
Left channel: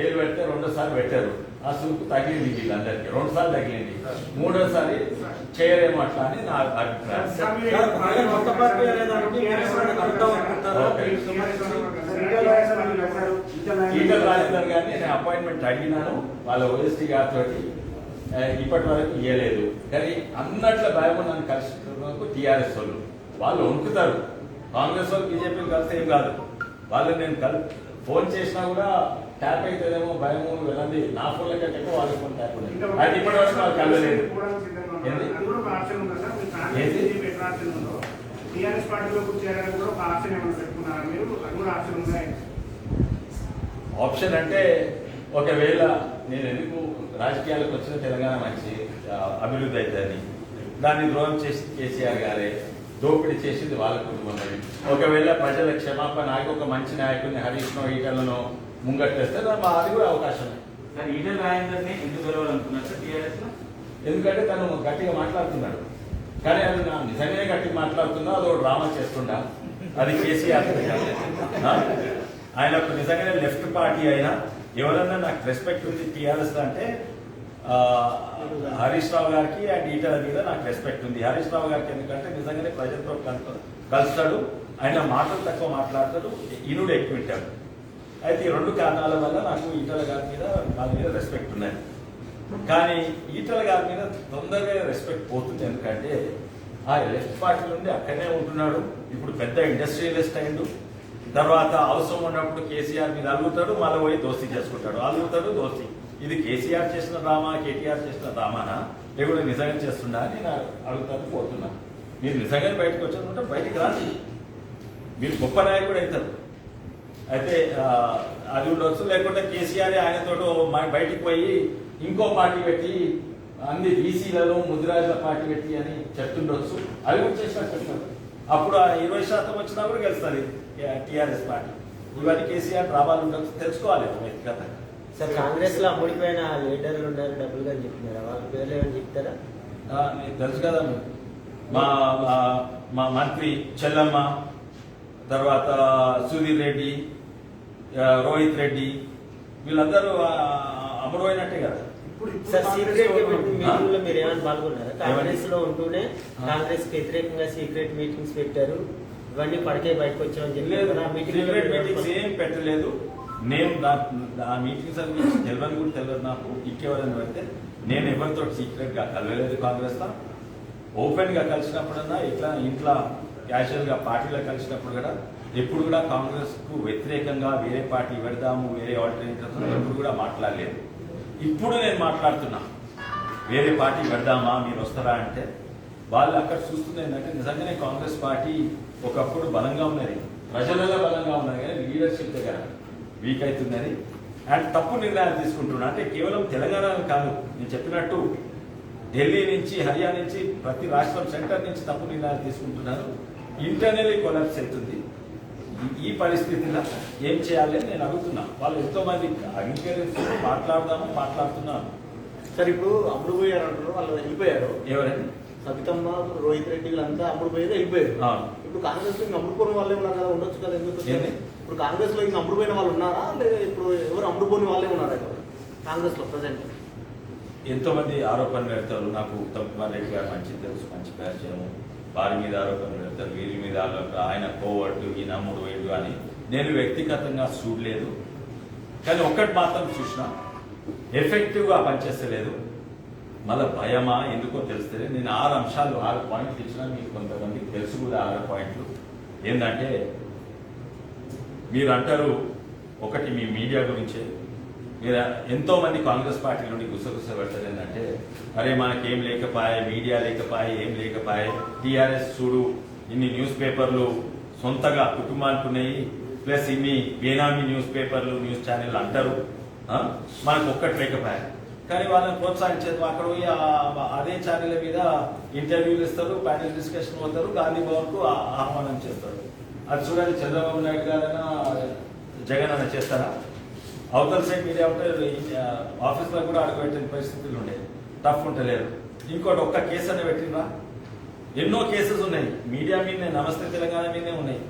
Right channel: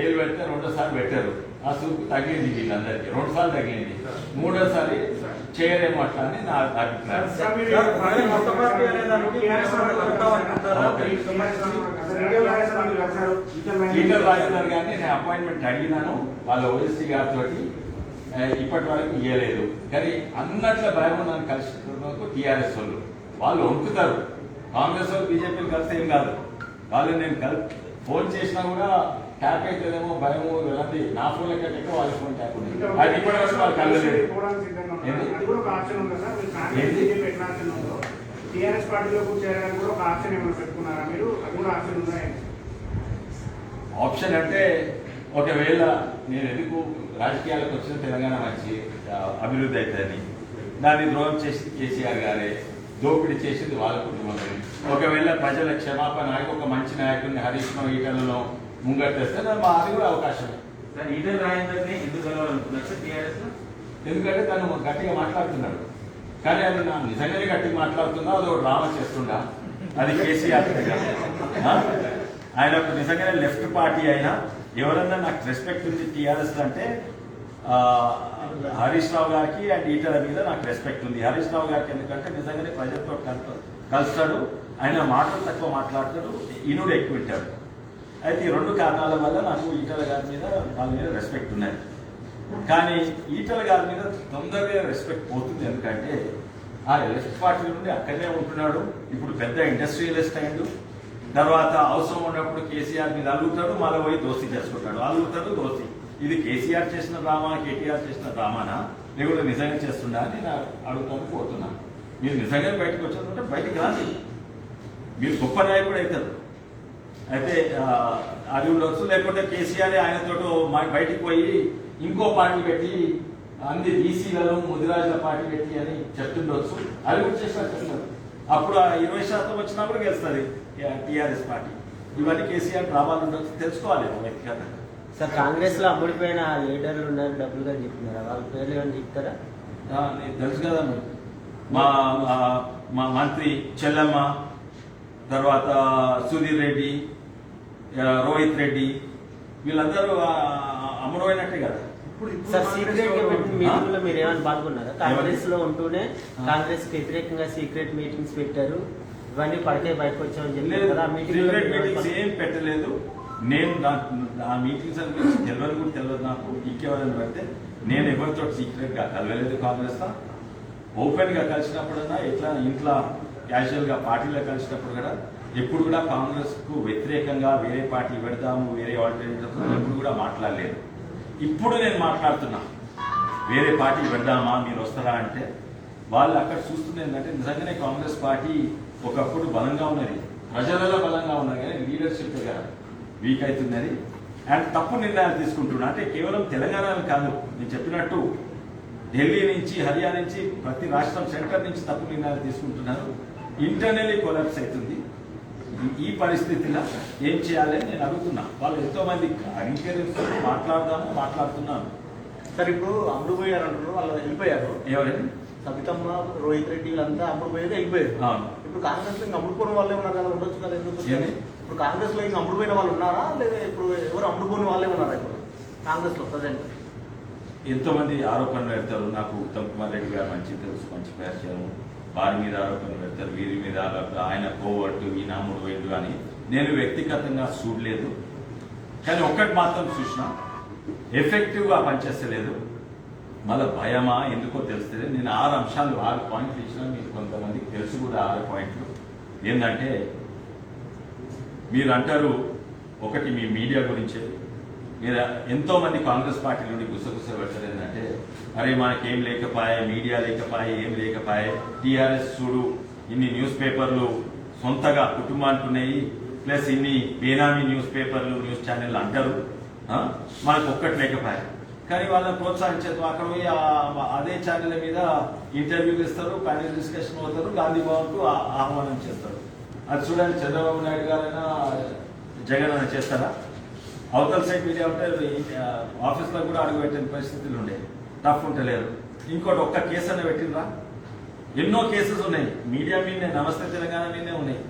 ఏళ్ళు పెడితే 2వ సారి పెట్టారు. ఆ సూపు తగిలింది వీళ్ళందరికీ. 2 సార్లు తగిలింది. 3వసారి చేయలేము అట్లా అని నా అభిప్రాయం. ఈటల రాజేందర్ గారిని నేను అపాయింట్మెంట్ అడిగినాను వాళ్ళ ఓఎస్టీ గారితో. ఇప్పటి వరకు ఇవ్వలేదు. కానీ అన్నట్ల భయం నన్ను కలిసినందుకు టీఆర్ఎస్ వాళ్ళు వణుకుతారు. కాంగ్రెస్ వాళ్ళు బీజేపీని కలిస్తే ఏం కాదు. వాళ్ళు నేను ఫోన్ చేసినా కూడా ట్యాప్ అవుతుందేమో భయము వెళ్ళండి. నా ఫోన్ల కంటే వాళ్ళ ఫోన్ ట్యాప్ ఉంది. అది ఇప్పటి వరకు వాళ్ళు కలవలేదు. ఆప్షన్ అంటే ఒకవేళ నేను ఎందుకు రాజకీయాలకు వచ్చిన తెలంగాణ మంచి అభివృద్ధి అవుతుందని దాన్ని ద్రోహం చేసి కేసీఆర్ గారే, దోపిడీ చేసింది వాళ్ళ కుటుంబంలో. ఒకవేళ ప్రజల క్షమాపణ ఒక మంచి నాయకుడిని హరీష్నో ఈటలను ముంగట్టేస్తే అది కూడా అవకాశమే. ఈటల రాజేందర్ని ఎందుకు కలవాలనుకున్నారు సార్ టీఆర్ఎస్ లో? ఎందుకంటే తను గట్టిగా మాట్లాడుతున్నాడు. కానీ అది నా నిజంగానే గట్టిగా మాట్లాడుతున్నా అది డ్రామా చేస్తుండా. అది కేసీఆర్ ఆయన నిజంగానే లెఫ్ట్ పార్టీ అయినా ఎవరన్నా నాకు రెస్పెక్ట్ ఉంది టీఆర్ఎస్ అంటే హరీష్ రావు గారికి అండ్ ఈటల మీద నాకు రెస్పెక్ట్ ఉంది. హరీష్ రావు గారికి ఎందుకంటే నిజంగానే ప్రజలతో కలుస్తాడు. ఆయన మాటలు తక్కువ మాట్లాడతాడు, ఈనుడు ఎక్కువ వింటాడు. అయితే ఈ 2 కారణాల వల్ల నాకు ఈటల గారి మీద వాళ్ళ మీద రెస్పెక్ట్ ఉన్నది. కానీ ఈటల గారి మీద తొందరగా రెస్పెక్ట్ పోతుంది. ఎందుకంటే ఆ లెఫ్ట్ పార్టీ నుండి అక్కడనే ఉంటున్నాడు. ఇప్పుడు పెద్ద ఇండస్ట్రియలిస్ట్ అయ్యిండు. తర్వాత అవసరం ఉన్నప్పుడు కేసీఆర్ మీద అలుగుతాడు, మళ్ళీ పోయి దోస్తీ చేసుకుంటాడు. అలుగుతాడు, దోస్తీ. ఇది కేసీఆర్ చేసిన డ్రామా, కేటీఆర్ చేసిన డ్రామానా లేకపోతే నిజంగా చేస్తుందా అని నేను అడుగుతాను, పోతున్నాను. మీరు నిజంగా బయటకు వచ్చారంటే బయటికి రాండి. మీరు గొప్ప నాయకుడు అవుతారు. అయితే అది ఉండొచ్చు. లేకుంటే కేసీఆర్ ఆయనతో బయటికి పోయి ఇంకో పార్టీ పెట్టి అన్ని బీసీలలో ముదిరాజుల పార్టీ పెట్టి అని చెప్తుండొచ్చు. అది కూడా చేసినట్టు చెప్తున్నారు. అప్పుడు 20% వచ్చినా కూడా గెలుస్తుంది టీఆర్ఎస్ పార్టీ. ఇవన్నీ కేసీఆర్ డ్రామాలు ఉండొచ్చు, తెలుసుకోవాలి వ్యక్తిగతంగా. సార్ కాంగ్రెస్ లో అమ్ముడిపోయిన లీడర్లు ఉన్నారు, డబ్బులుగా చెప్తున్నారా? వాళ్ళ పేర్లు ఏమైనా చెప్తారా? నీకు తెలుసు కదా, మా మంత్రి చెల్లమ్మ, తర్వాత సుధీర్ రెడ్డి, రోహిత్ రెడ్డి, వీళ్ళందరూ అమ్ముడైనట్టే కదా. సార్ సీక్రెట్ మీటింగ్ లో మీరు ఏమైనా పాల్గొన్నారా? కాంగ్రెస్ లో ఉంటూనే కాంగ్రెస్ కి వ్యతిరేకంగా సీక్రెట్ మీటింగ్స్ పెట్టారు, ఇవన్నీ పడితే బయటకు వచ్చామని చెప్పారు కదా. మీటింగ్స్ ఏం పెట్టలేదు. నేను ఆ మీటింగ్స్ గురించి తెలియదు కూడా తెలియదు నాకు. ఇంకెవరైనా పెడితే నేను ఎవరితో సీక్రెట్ గా కలవలేదు. కాంగ్రెస్ లో ఓపెన్ గా కలిసినప్పుడన్నా ఎట్లా ఇంట్లో క్యాజువల్ గా పార్టీలో కలిసినప్పుడు కూడా ఎప్పుడు కూడా కాంగ్రెస్ కు వ్యతిరేకంగా వేరే పార్టీ పెడతాము, వేరే ఆల్టర్నేటివ్ ఎప్పుడు కూడా మాట్లాడలేదు. ఇప్పుడు నేను మాట్లాడుతున్నా, వేరే పార్టీ పెడదామా, మీరు వస్తారా అంటే వాళ్ళు అక్కడ చూస్తుంది ఏంటంటే నిజంగానే కాంగ్రెస్ పార్టీ ఒకప్పుడు బలంగా ఉన్నది, ప్రజలలో బలంగా ఉన్నది, కానీ లీడర్షిప్ దగ్గర వీక్ అవుతున్నది అండ్ తప్పు నిర్ణయాలు తీసుకుంటున్నా. అంటే కేవలం తెలంగాణ కాదు, నేను చెప్పినట్టు ఢిల్లీ నుంచి, హర్యానా నుంచి, ప్రతి రాష్ట్రం సెంటర్ నుంచి తప్పు నిర్ణయాలు తీసుకుంటున్నారు. ఇంటర్నల్లీ కొలాప్స్ అవుతుంది. ఈ పరిస్థితిలో ఏం చేయాలని నేను అడుగుతున్నా. వాళ్ళు ఎంతో మంది అంగీకరించి మాట్లాడుతున్నాను. సార్ ఇప్పుడు అమ్ముడు పోయారు అంటారు, వాళ్ళు వెళ్ళిపోయారు. ఎవరండి? సబితమ్మ, రోహిత్ రెడ్డి వీళ్ళంతా అమ్ముడు పోయేది వెళ్ళిపోయారు. అవును. ఇప్పుడు కాంగ్రెస్ లో ఇంకా అమ్ముడుపోయిన వాళ్ళే ఉన్నారు కదా, ఉండొచ్చు కదా, ఎందుకు? ఏమి? ఇప్పుడు కాంగ్రెస్ లో ఇంకా అమ్ముడు పోయిన వాళ్ళు ఉన్నారా, లేదా ఇప్పుడు ఎవరు అమ్ముడుపోయిన వాళ్ళే ఉన్నారా ఇప్పుడు కాంగ్రెస్ లో ప్రజెంట్? ఎంతో మంది ఆరోపణలు పెడతారు. నాకు ఉత్తమ్ కుమార్ రెడ్డి గారు మంచి తెలుసు, మంచి పరిచయం. వారి మీద ఆరోపణలు పెడతారు, వీరి మీద ఆయన కోవర్టు, ఈయన అమ్ముడు వేడు అని. నేను వ్యక్తిగతంగా చూడలేదు, కానీ ఒక్కటి మాత్రం చూసిన, ఎఫెక్టివ్ గా పనిచేస్తలేదు. మళ్ళీ భయమా ఎందుకో తెలుస్తలేదు. నేను 6 పాయింట్లు ఇచ్చిన, మీకు కొంతమందికి తెలుసు కూడా 6 పాయింట్లు. ఏంటంటే మీరు అంటారు, ఒకటి మీ మీడియా గురించే, మీరు ఎంతో మంది కాంగ్రెస్ పార్టీ నుండి గుసగుస పెట్టలేదు. ఏంటంటే అరే మనకేం లేకపోయే, మీడియా లేకపోయే, ఏం లేకపోయే, టీఆర్ఎస్ చూడు ఇన్ని న్యూస్ పేపర్లు సొంతగా కుటుంబానికి ఉన్నాయి, ప్లస్ ఇన్ని బేనామీ న్యూస్ పేపర్లు, న్యూస్ ఛానల్ అంటారు, మనకు ఒక్కటి లేకపోయా. కానీ వాళ్ళని ప్రోత్సహించారు. అక్కడ పోయి అదే ఛానల్ మీద ఇంటర్వ్యూలు ఇస్తారు, ప్యానల్ డిస్కషన్ అవుతారు, గాంధీ భవన్ కు ఆహ్వానం చేస్తారు. అది చూడండి, చంద్రబాబు నాయుడు గారైనా జగన్ అని చేస్తారా? అవతల సైడ్ మీడియా ఉంటే ఆఫీస్ లో కూడా అడుగు పెట్టిన పరిస్థితులు ఉండే, టఫ్ ఉంటలేరు. ఇంకోటి ఒక్క కేసు అని పెట్టినరా? ఎన్నో కేసెస్ ఉన్నాయి మీడియా మీదనే, నమస్తే తెలంగాణ మీదనే ఉన్నాయి.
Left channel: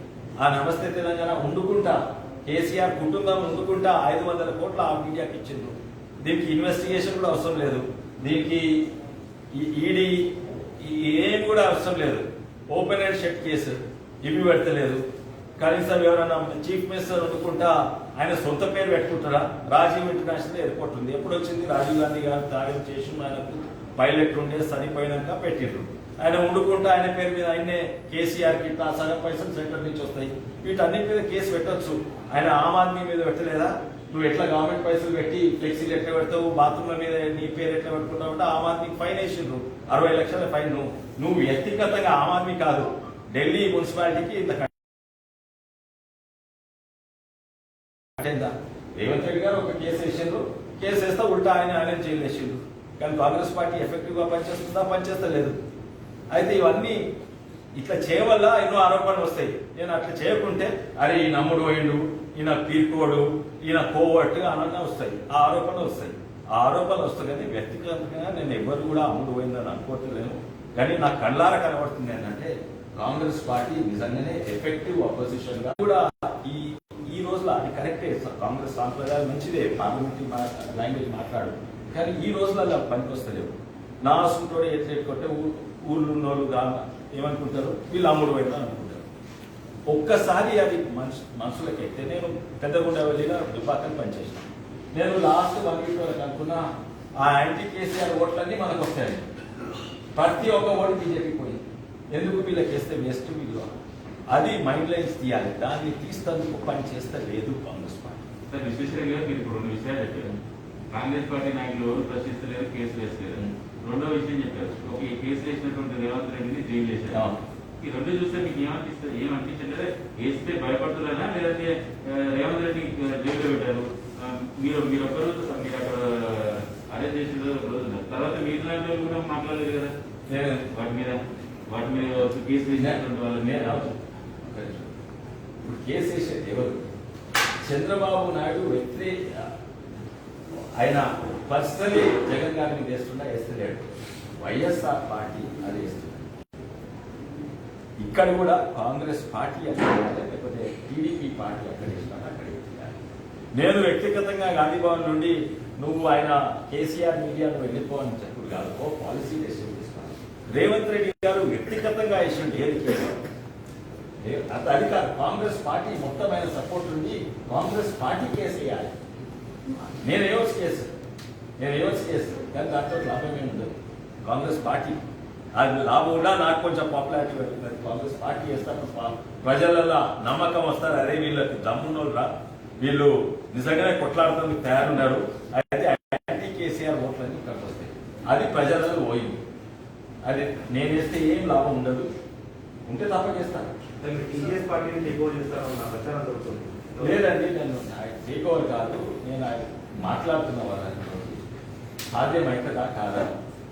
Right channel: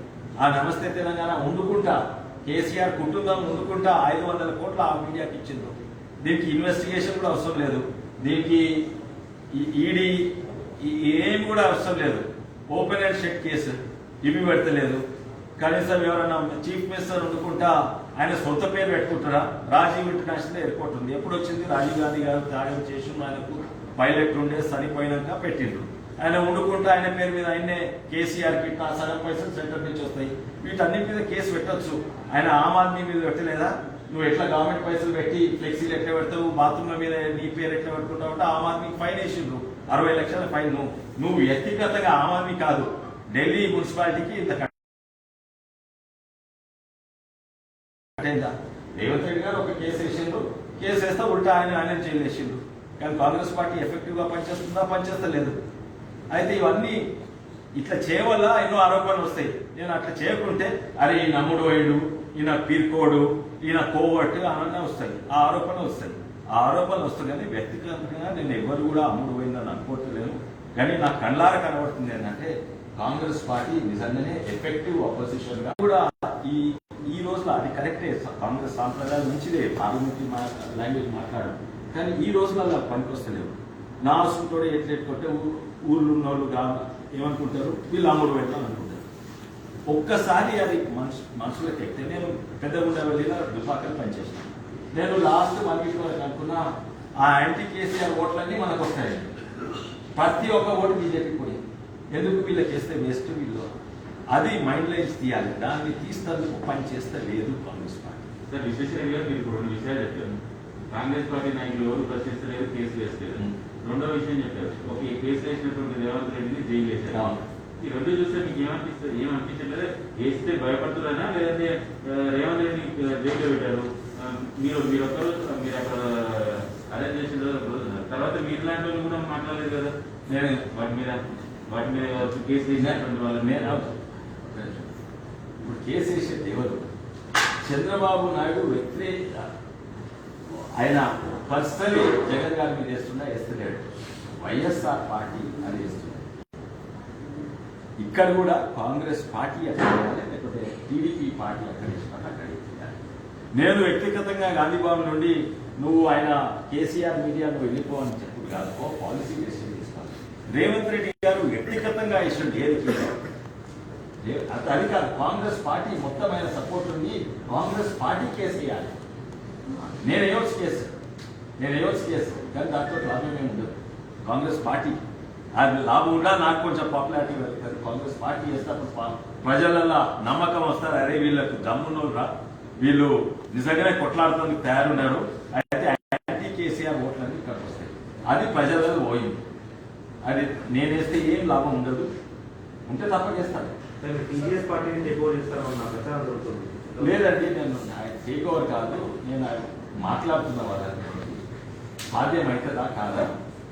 ఆ నమస్తే తెలంగాణ ఉండుకుంటా, కేసీఆర్ కుటుంబం ఉండుకుంటా 500 కోట్లు ఆ మీడియాకి ఇచ్చింది. దీనికి ఇన్వెస్టిగేషన్ కూడా అవసరం లేదు, దీనికి ఈడీ ఏం కూడా అవసరం లేదు. ఓపెన్ అండ్ షట్ కేసు ఇవి పెడతలేదు. కనీసం ఎవరైనా చీఫ్ మినిస్టర్ అనుకుంటా ఆయన సొంత పేరు పెట్టుకుంటారా? రాజీవ్ ఇంటర్నేషనల్ ఎయిర్పోర్ట్ ఉంది, ఎప్పుడు వచ్చింది? రాజీవ్ గాంధీ గారు త్యాగం చేసి ఆయనకు పైలట్ ఉండే సరిపోయినాక పెట్టిండ్రు. ఆయన ఉండుకుంటా ఆయన పేరు మీద ఆయనే కేసీఆర్ కి సగం పైసలు సెంటర్ నుంచి వస్తాయి. వీటన్నిటి మీద కేసు పెట్టొచ్చు. ఆయన ఆమ్ ఆద్మీ మీద పెట్టలేదా? నువ్వు ఎట్లా గవర్నమెంట్ పైసలు పెట్టి ఫ్లెక్సీలు ఎట్లా పెడతావు, బాత్రూమ్ మీద నీ పేరు ఎట్లా పెట్టుకుంటావు అంటే ఆమ్ ఆద్మీకి ఫైన్ వేసిండ్రు, 60 లక్షల ఫైన్. నువ్వు వ్యక్తిగతంగా ఆమ్ ఆద్మీ కాదు, ఢిల్లీ మున్సిపాలిటీకి ఇంత కట్టేందా? రేవంత్ రెడ్డి గారు ఒక కేసు వేసిండ్రు, కేసు వేస్తే ఉల్టా ఆయన జైలు వేసిండ్రు. కానీ కాంగ్రెస్ పార్టీ ఎఫెక్టివ్ గా పనిచేస్తుందా? పనిచేస్తలేదు. అయితే ఇవన్నీ ఇట్లా చేయవల్ల ఎన్నో ఆరోపణలు వస్తాయి. నేను అట్లా చేయకుంటే అరే ఈ నమ్ముడు పోయిండు, ఈయన తీర్కోడు, ఈయన కోవట్టు అన్న వస్తాయి, ఆ ఆరోపణలు వస్తాయి. ఆ ఆరోపణలు వస్తాయి. కానీ వ్యక్తిగతంగా నేను ఎవరు కూడా అమ్ముడు పోయిందని అనుకోవట్లేను. కానీ నాకు కళ్ళారా కనబడుతుంది ఏంటంటే కాంగ్రెస్ పార్టీ నిజంగానే ఎఫెక్టివ్ అపోజిషన్ గా కూడా ఈ రోజులో అది కరెక్టే. కాంగ్రెస్ సాంప్రదాయం మంచిదే, పార్లమెంటరీ లాంగ్వేజ్ మాట్లాడు, కానీ ఈ రోజులలో పనికొస్తలేవు. నా సూటోడు ఎట్లెట్టుకుంటే ఊర్లో ఉన్న వాళ్ళు ఏమనుకుంటారు, వీళ్ళు అమ్ముడు పెడతాను అనుకుంటారు. ఒక్కసారి అది మనుషులకు ఎక్కితే, నేను పెద్దగుండవల్లిలో దుబ్బాకలు పనిచేస్తాను. నేను లాస్ట్ 1 వీక్ వరకు అనుకున్నా ఆ యాంటీ కేసీఆర్ ఓట్లన్నీ మనకు వస్తాయి. ప్రతి ఒక్క ఓటు బీజేపీ పోయి, ఎందుకు వీళ్ళకి వేస్తే వేస్ట్ వీళ్ళు, అది మైండ్ లైన్స్ తీయాలి. దాన్ని తీస్తేందుకు పని చేస్తే లేదు కాంగ్రెస్ పార్టీ. సార్ విశ్వేశ్వరయ్య గారు, మీరు 2 విషయాలు చెప్పారు. కాంగ్రెస్ పార్టీ నాయకులు ఎవరు ప్రశ్నిస్తలేరు, కేసులు వేస్తలేరు. రెండో విషయం చెప్పారు, ఒక కేసు వేసినటువంటి రేవంత్ రెడ్డిని జైలు వేశారు. ఈ రెండు చూస్తే మీకు ఏమనిపించట్లేదు? వేస్తే భయపడుతున్నారా, లేదంటే రేవంత్ రెడ్డి జైలు పెట్టారు, మీరు ఒక్కరు మీరు అక్కడ అరెస్ట్ చేసిన రోజున తర్వాత మీరు లాంటి వాళ్ళు కూడా మాట్లాడలేదు కదా వాటి మీద కేసు వేసినటువంటి వాళ్ళని. కేసు వేసేది ఎవరు? చంద్రబాబు నాయుడు వ్యతిరేక, ఆయన పర్సనలీ జగన్ గారి మీద వేస్తున్నాడు. వైఎస్ఆర్ పార్టీ అది వేస్తుంది. ఇక్కడ కూడా కాంగ్రెస్ పార్టీ అక్కడ లేకపోతే టీడీపీ పార్టీ అక్కడ వేసినాడు, అక్కడ వేయాలి. నేను వ్యక్తిగతంగా గాంధీ భవన్ నుండి నువ్వు ఆయన కేసీఆర్ మీడియాకు వెళ్ళిపోవని చెప్పుడు కాదు, పాలసీ డెసిషన్ తీసుకోవాలి. రేవంత్ రెడ్డి గారు వ్యక్తిగతంగా ఇష్టం లేదు, అది కాదు. కాంగ్రెస్ పార్టీ మొత్తం ఆయన సపోర్ట్ నుండి కాంగ్రెస్ పార్టీ కేసు వేయాలి. నేను వేయవచ్చు కేసు కానీ దాంట్లో లాభమే ఉండదు. కాంగ్రెస్ పార్టీ అది లాభం కూడా నాకు కొంచెం పాపులారిటీ పెరుగుతుంది. కాంగ్రెస్ పార్టీ చేస్తే ప్రజలలో నమ్మకం వస్తారు, అదే వీళ్ళకు దమ్మున్నోళ్ళు రా, వీళ్ళు నిజంగానే కొట్లాడుతానికి తయారున్నారు, అయితే యాంటీ కేసీఆర్ ఓట్లన్నీ ఇక్కడికి వస్తాయి. అది ప్రజలలో పోయింది. అది నేను వేస్తే ఏం లాభం ఉండదు, ఉంటే తప్ప చేస్తాను. టీఆర్ఎస్ పార్టీని టేక్ ఓవర్ చేస్తాను నా ప్రచారం జరుగుతుంది. లేదండి, నేను టేక్ ఓవర్ కాదు, నేను మాట్లాడుతున్న వాళ్ళని సాధ్యమవుతుందా కాదా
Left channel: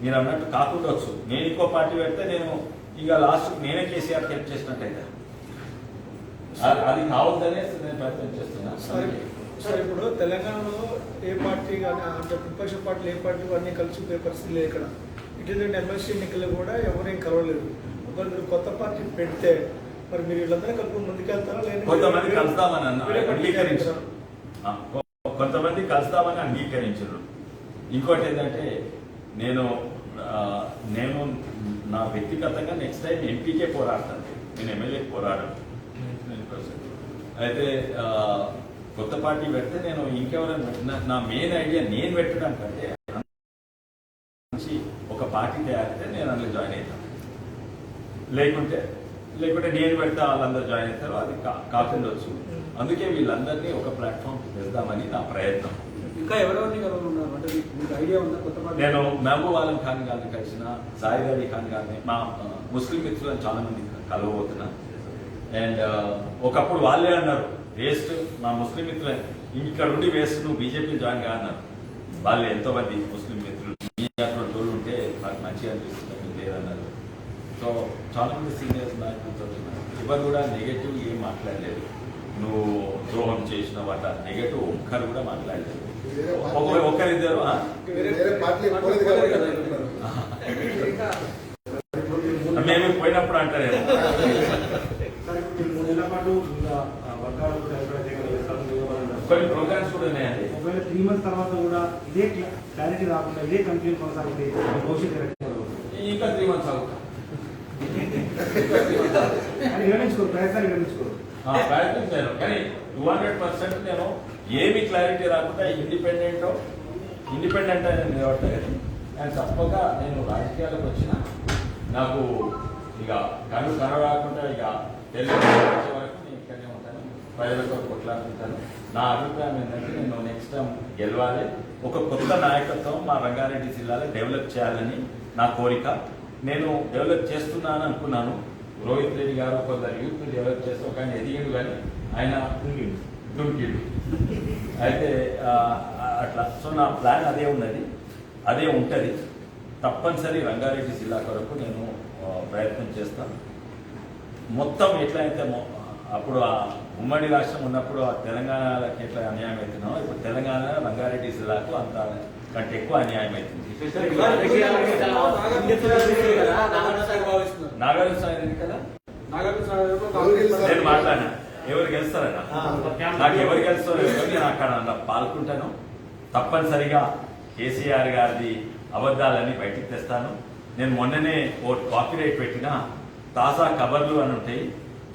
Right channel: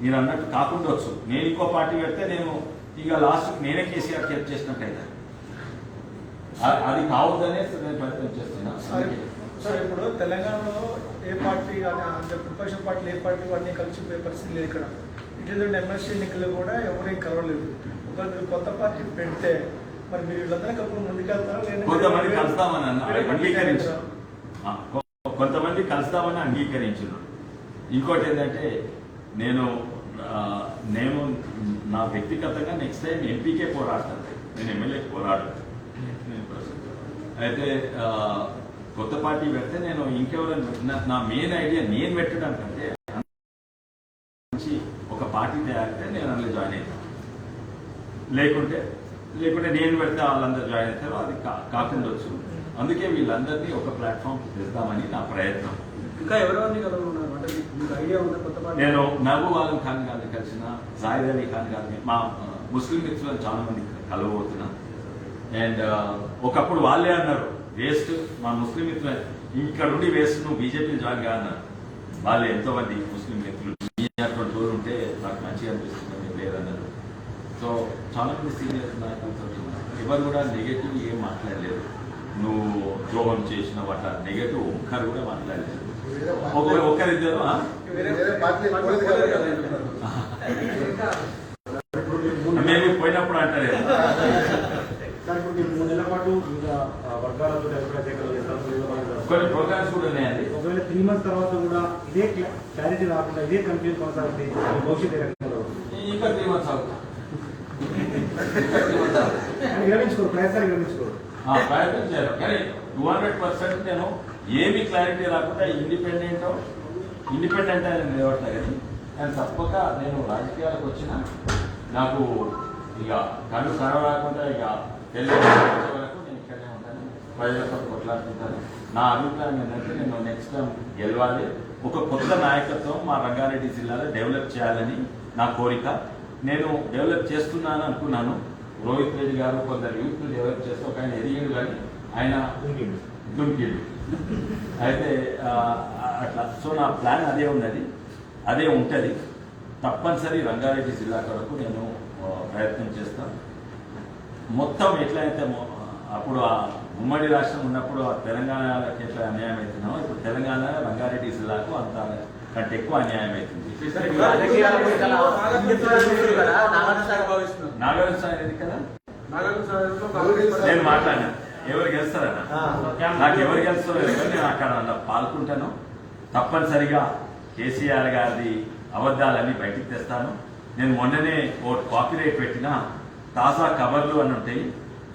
మీరు అన్నట్టు కాకుండా వచ్చు. నేను ఇంకో పార్టీ పెడితే నేను ఇక లాస్ట్ నేనే కేసీఆర్ కెప్ చేసినట్టయితే అది కావద్దనే నేను ప్రయత్నం చేస్తున్నాను. సార్ ఇప్పుడు తెలంగాణలో ఏ పార్టీ కానీ అంటే ప్రతిపక్ష పార్టీలు ఏ పార్టీ అన్ని కలిసి పరిస్థితి లేదు. ఇక్కడ ఇటీవల ఎమ్మెల్సీ ఎన్నికలు కూడా ఎవరేం కలవలేదు. ఒకవేళ మీరు కొత్త పార్టీ పెడితే మరి మీరు వీళ్ళందరూ కలుపుకొని ముందుకెళ్తారా? కొంతమంది కలుస్తామని అంగీకరించారు, కొంతమంది కలుస్తామని అంగీకరించారు. ఇంకోటి ఏంటంటే నేను నా వ్యక్తిగతంగా నెక్స్ట్ టైం ఎంపీకే పోరాడతాను, నేను ఎమ్మెల్యేకి పోరాడను. అయితే కొత్త పార్టీ పెడితే నేను ఇంకెవరైనా పెట్టిన నా మెయిన్ ఐడియా నేను పెట్టడానికంటే ఒక పార్టీ తయారైతే నేను అందులో జాయిన్ అవుతాను, లేకుంటే నేను పెడితే వాళ్ళందరూ జాయిన్ అవుతారు, అది కాకుండా వచ్చు. అందుకే వీళ్ళందరినీ ఒక ప్లాట్ఫామ్ తెద్దామని నా ప్రయత్నం. ఇంకా ఎవరెవరిని కలవనున్నారు అంటే మీకు ఐడియా ఉందా? కొత్త పార్టీ నేను మహబూబ్ ఆలం ఖాన్ గారిని కలిసిన, జాయిద్ అలీ ఖాన్ గారిని, మా ముస్లిం మిత్రులను చాలా మంది కలవబోతున్నా. అండ్ ఒకప్పుడు వాళ్ళే అన్నారు వేస్ట్, మా ముస్లిం మిత్రులు ఇక్కడ ఉండి వేస్ట్, నువ్వు బీజేపీ జాయిన్ కాదన్నారు. వాళ్ళు ఎంతో మంది ముస్లిం మిత్రులు మీ అటువంటి తోడు ఉంటే నాకు మంచిగా అనిపిస్తుంది లేదన్నారు. సో చాలా మంది సీనియర్స్ నాయకులతో ఎవరు కూడా నెగటివ్ ఏం మాట్లాడలేదు. నువ్వు ద్రోహం చేసిన వాట నెగటివ్ ఒక్కరు కూడా మాట్లాడలేదు. ఒక్కరిద్దరు మేము పోయినప్పుడు అంటారు కొన్ని ప్రోగ్రామ్స్ కూడా ఉన్నాయండి. ఒకవేళ 3 months తర్వాత కూడా ఇదే క్లారిటీ రాకుండా ఇదే కన్ఫ్యూజన్ కొనసాగితే భవిష్యత్తు ఇంకా 3 months అవుతుంది. విరమించుకోరు, ప్రయత్నాలు విరమించుకోరు. ప్రయత్నం చేయాలి కానీ 200% నేను ఏమి క్లారిటీ రాకుండా ఇండిపెండెంట్ అని నిలబడతాను. కానీ తప్పక నేను రాజకీయాలకు వచ్చిన నాకు ఇక కళ్ళు కరవకుండా ఇక తెలియదు వరకు నేను ఇక్కడనే ఉంటాను, ప్రజలతో కొట్లాడుతుంటాను. నా అభిప్రాయం ఏంటంటే నేను నెక్స్ట్ టైం గెలవాలి, ఒక కొత్త నాయకత్వం మా రంగారెడ్డి జిల్లాలో డెవలప్ చేయాలని నా కోరిక. నేను డెవలప్ చేస్తున్నాను అనుకున్నాను. రోహిత్ రెడ్డి గారు కొందరు యూత్ డెవలప్ చేస్తే ఒక ఆయన ఎదిగిండు కానీ ఆయన దుంకిడు. అయితే అట్లా సో నా ప్లాన్ అదే ఉన్నది, అదే ఉంటుంది. తప్పనిసరి రంగారెడ్డి జిల్లా వరకు నేను ప్రయత్నం చేస్తాను. మొత్తం ఎట్లయితే అప్పుడు ఆ ఉమ్మడి రాష్ట్రం ఉన్నప్పుడు ఆ తెలంగాణకి ఎట్లా అన్యాయం అవుతున్నామో ఇప్పుడు తెలంగాణ రంగారెడ్డి జిల్లాకు అంత కంటే ఎక్కువ అన్యాయం అవుతుంది. నాగార్జున సాగర్ ఎన్నికల నేను మాట్లాడినా ఎవరు గెలుస్తారన్నా, నాకు ఎవరు గెలుస్తారో నేను అక్కడ పాల్గొంటాను. తప్పనిసరిగా కేసీఆర్ గారి అబద్దాలన్నీ బయటికి తెస్తాను. నేను మొన్ననే కాపీరైట్ పెట్టిన తాజా కబర్లు అని ఉంటాయి,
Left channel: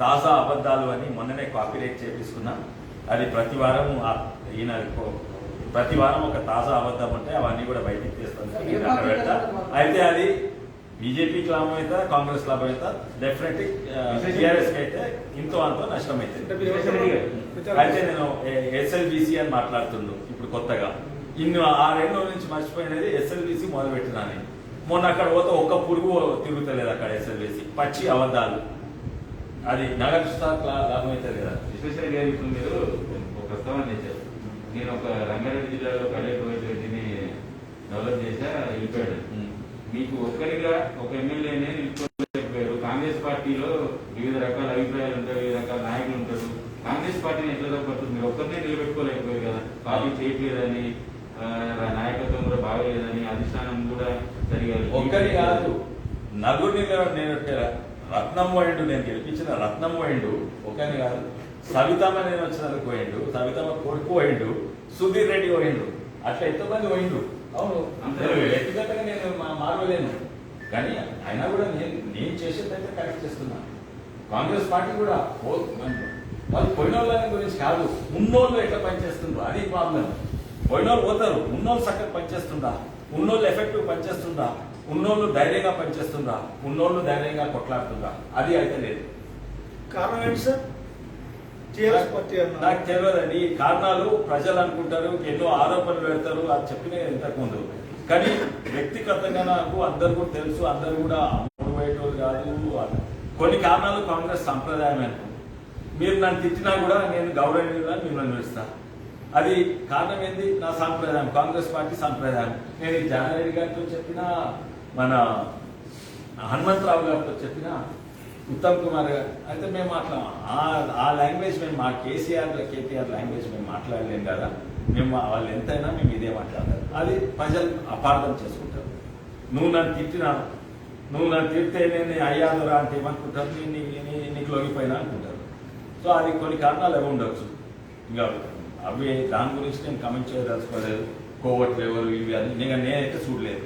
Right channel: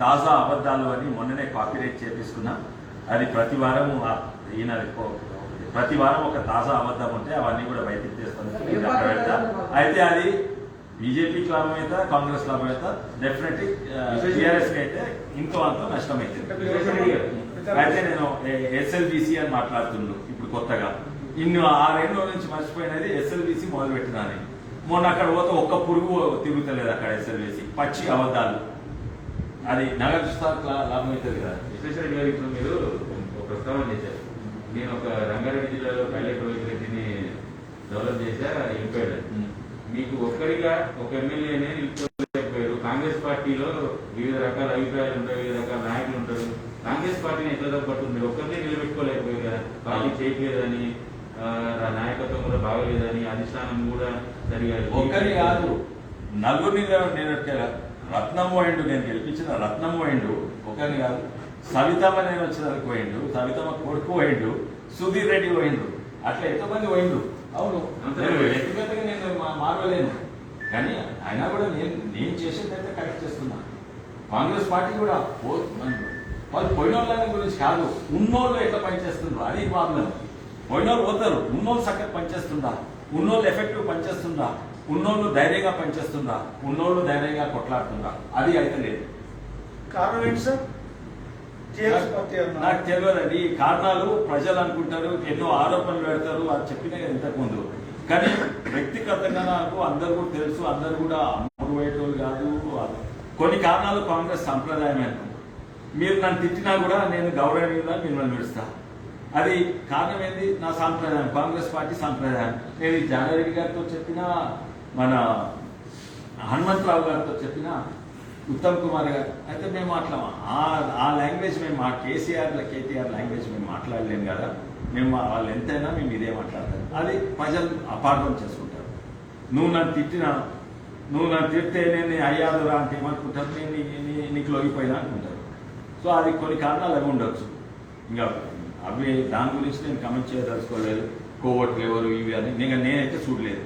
తాజా అబద్దాలు అని మొన్ననే కాపీరైట్ చేపిస్తున్నా. అది ప్రతి వారం ఈయన ప్రతి వారం ఒక తాజా అబద్ధం ఉంటే అవన్నీ కూడా బయటికి తెస్తాను. అయితే అది బీజేపీకి లాభం అవుతా, కాంగ్రెస్ లాభం అవుతా, డెఫినెట్లీ టీఆర్ఎస్ కి అయితే ఇంతో అంత నష్టమైతుంది. అయితే నేను ఎస్ఎల్బీసీ అని మాట్లాడుతున్నాను ఇప్పుడు కొత్తగా. ఇన్ని 6 రోజుల నుంచి మర్చిపోయినది ఎస్ఎల్బీసీ మొదలు పెట్టినాను. మొన్న అక్కడ పోతే ఒక్క పురుగు తిరుగుతలేదు అక్కడ ఎస్ఎల్బీసీ, పచ్చి అబద్దాలు. అది నగర లాభం అవుతుంది కదా. విశ్వేశ్వర గారు ఇప్పుడు మీరు ప్రస్తావన చేశారు, నేను ఒక రంగారెడ్డి జిల్లాలో పల్లె రెడ్డిని డెవలప్ చేశా వెళ్ళిపోయాడు. మీకు ఒక్కరిగా ఒక ఎమ్మెల్యేనే నిలుపుకోలేకపోయారు. కాంగ్రెస్ పార్టీలో వివిధ రకాల అభిప్రాయాలు ఉంటాయి, వివిధ రకాల నాయకులు ఉంటారు. కాంగ్రెస్ పార్టీని ఎట్లా తప్పట్టుంది? మీరు ఒక్కరినే నిలబెట్టుకోలేకపోయారు కదా. పార్టీ చేయట్లేదని, నాయకత్వం కూడా బాగలేదని, అధిష్టానం కూడా సరిగా ఒక్కరి కాదు నలుగురిని నిలబెట్టారా. రత్నం పోయిండు, నేను గెలిపించిన రత్నం పోయిండు, ఒకరిని కాదు. సవితమ్మ నేను వచ్చినందుకు పోయిండు, సవితమ్మ కొడుకు పోయిండు, సుధీర్ రెడ్డి పోయిండు, అట్లా ఎంతో మంది పోయిండు. అవును, వ్యక్తిగతంగా నేను మార్గలేను కానీ అయినా కూడా నేను చేసేదైతే కరెక్ట్ చేస్తున్నా. కాంగ్రెస్ పార్టీ కూడా వాళ్ళు పోయిన వాళ్ళ గురించి కాదు, ఉన్నోళ్ళు ఎట్లా పనిచేస్తుండ్రు అది ప్రాబ్లం. పోయిన వాళ్ళు పోతారు, ఉన్నోళ్ళు చక్కగా పనిచేస్తుందా ఉన్నోళ్ళు ఎఫెక్టివ్ పనిచేస్తుందా, ఉన్నోళ్ళు ధైర్యంగా పనిచేస్తుందా, ఉన్నోళ్ళు ధైర్యంగా కొట్లాడుతుందా, అది అయితే లేదు. కారణం ఏంటి సార్? టీఆర్ఎస్ పార్టీ అన్నారు. నాకు తెలియదండి. ఈ కారణాలు ప్రజలు అనుకుంటారు, ఎన్నో ఆరోపణలు పెడతారు, అది చెప్పిన ఇంతకుముందు. కానీ వ్యక్తిగతంగా నాకు అందరు కూడా తెలుసు, అందరు కూడా అమ్ముడు పోయేటోళ్ళు కాదు. కొన్ని కారణాలు కాంగ్రెస్ సంప్రదాయమే. మీరు నన్ను తిట్టినా కూడా నేను గౌరవనీయంగా మిమ్మల్ని నిలుస్తా. అది కారణం ఏంది? నా సాంప్రదాయం, కాంగ్రెస్ పార్టీ సంప్రదాయం. నేను ఈ జానారెడ్డి గారితో చెప్పినా, మన హనుమంతరావు గారితో చెప్పినా, ఉత్తమ్ కుమార్ గారు అయితే మేము ఆ లాంగ్వేజ్ మేము మా కేటీఆర్ లాంగ్వేజ్ మేము మాట్లాడలేం కదా. మేము వాళ్ళు ఎంతైనా మేము ఇదే మాట్లాడతారు. అది ప్రజలు అపార్థం చేసుకుంటారు. నువ్వు నన్ను తిడితే నేను అయ్యాదురా అంటే ఏమనుకుంటారు, నీకు లొంగిపోయినా అనుకుంటారు. సో అది కొన్ని కారణాలు అవి ఉండవచ్చు. ఇంకా అవి దాని గురించి నేను కమెంట్ చేయదలుచుకోలేదు. కోవట్లు ఎవరు ఇవి అని నేనైతే చూడలేదు.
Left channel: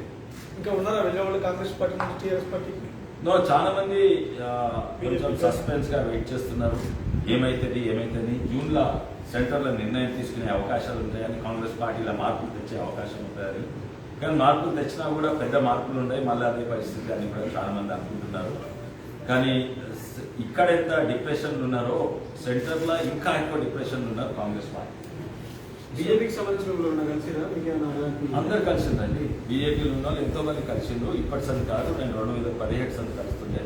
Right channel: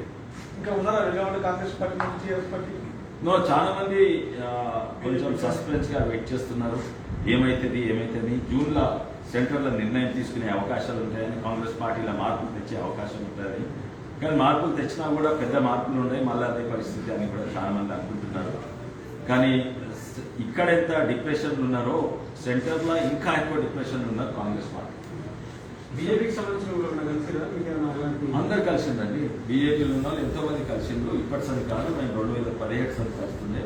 ఇంకా ఉన్నారా విజయవాడ కాంగ్రెస్ పార్టీ నుంచి టీఆర్ఎస్ పార్టీ? చాలా మంది కొంచెం సస్పెన్స్ గా వెయిట్ చేస్తున్నారు. ఏమైతుంది జూన్ లో సెంటర్ లో నిర్ణయం తీసుకునే అవకాశాలు ఉంటాయని, కాంగ్రెస్ పార్టీలో మార్పులు తెచ్చే అవకాశం ఉంటుందని. కానీ మార్పులు తెచ్చినా కూడా పెద్ద మార్పులు ఉన్నాయి, మళ్ళీ అదే పరిస్థితి అని కూడా చాలా మంది అనుకుంటున్నారు. కానీ ఇక్కడ ఎంత డిప్రెషన్ ఉన్నారో సెంటర్ లో ఇంకా ఎక్కువ డిప్రెషన్ ఉన్నారు కాంగ్రెస్ పార్టీ. బీజేపీకి సంబంధించిన అందరు కలిసిందండి. బీజేపీలో ఉన్న వాళ్ళు ఎంతో మంది కలిసిండ్రు. ఇప్పటి సంది కాదు, మేము 2017 సంది కలుస్తుండే.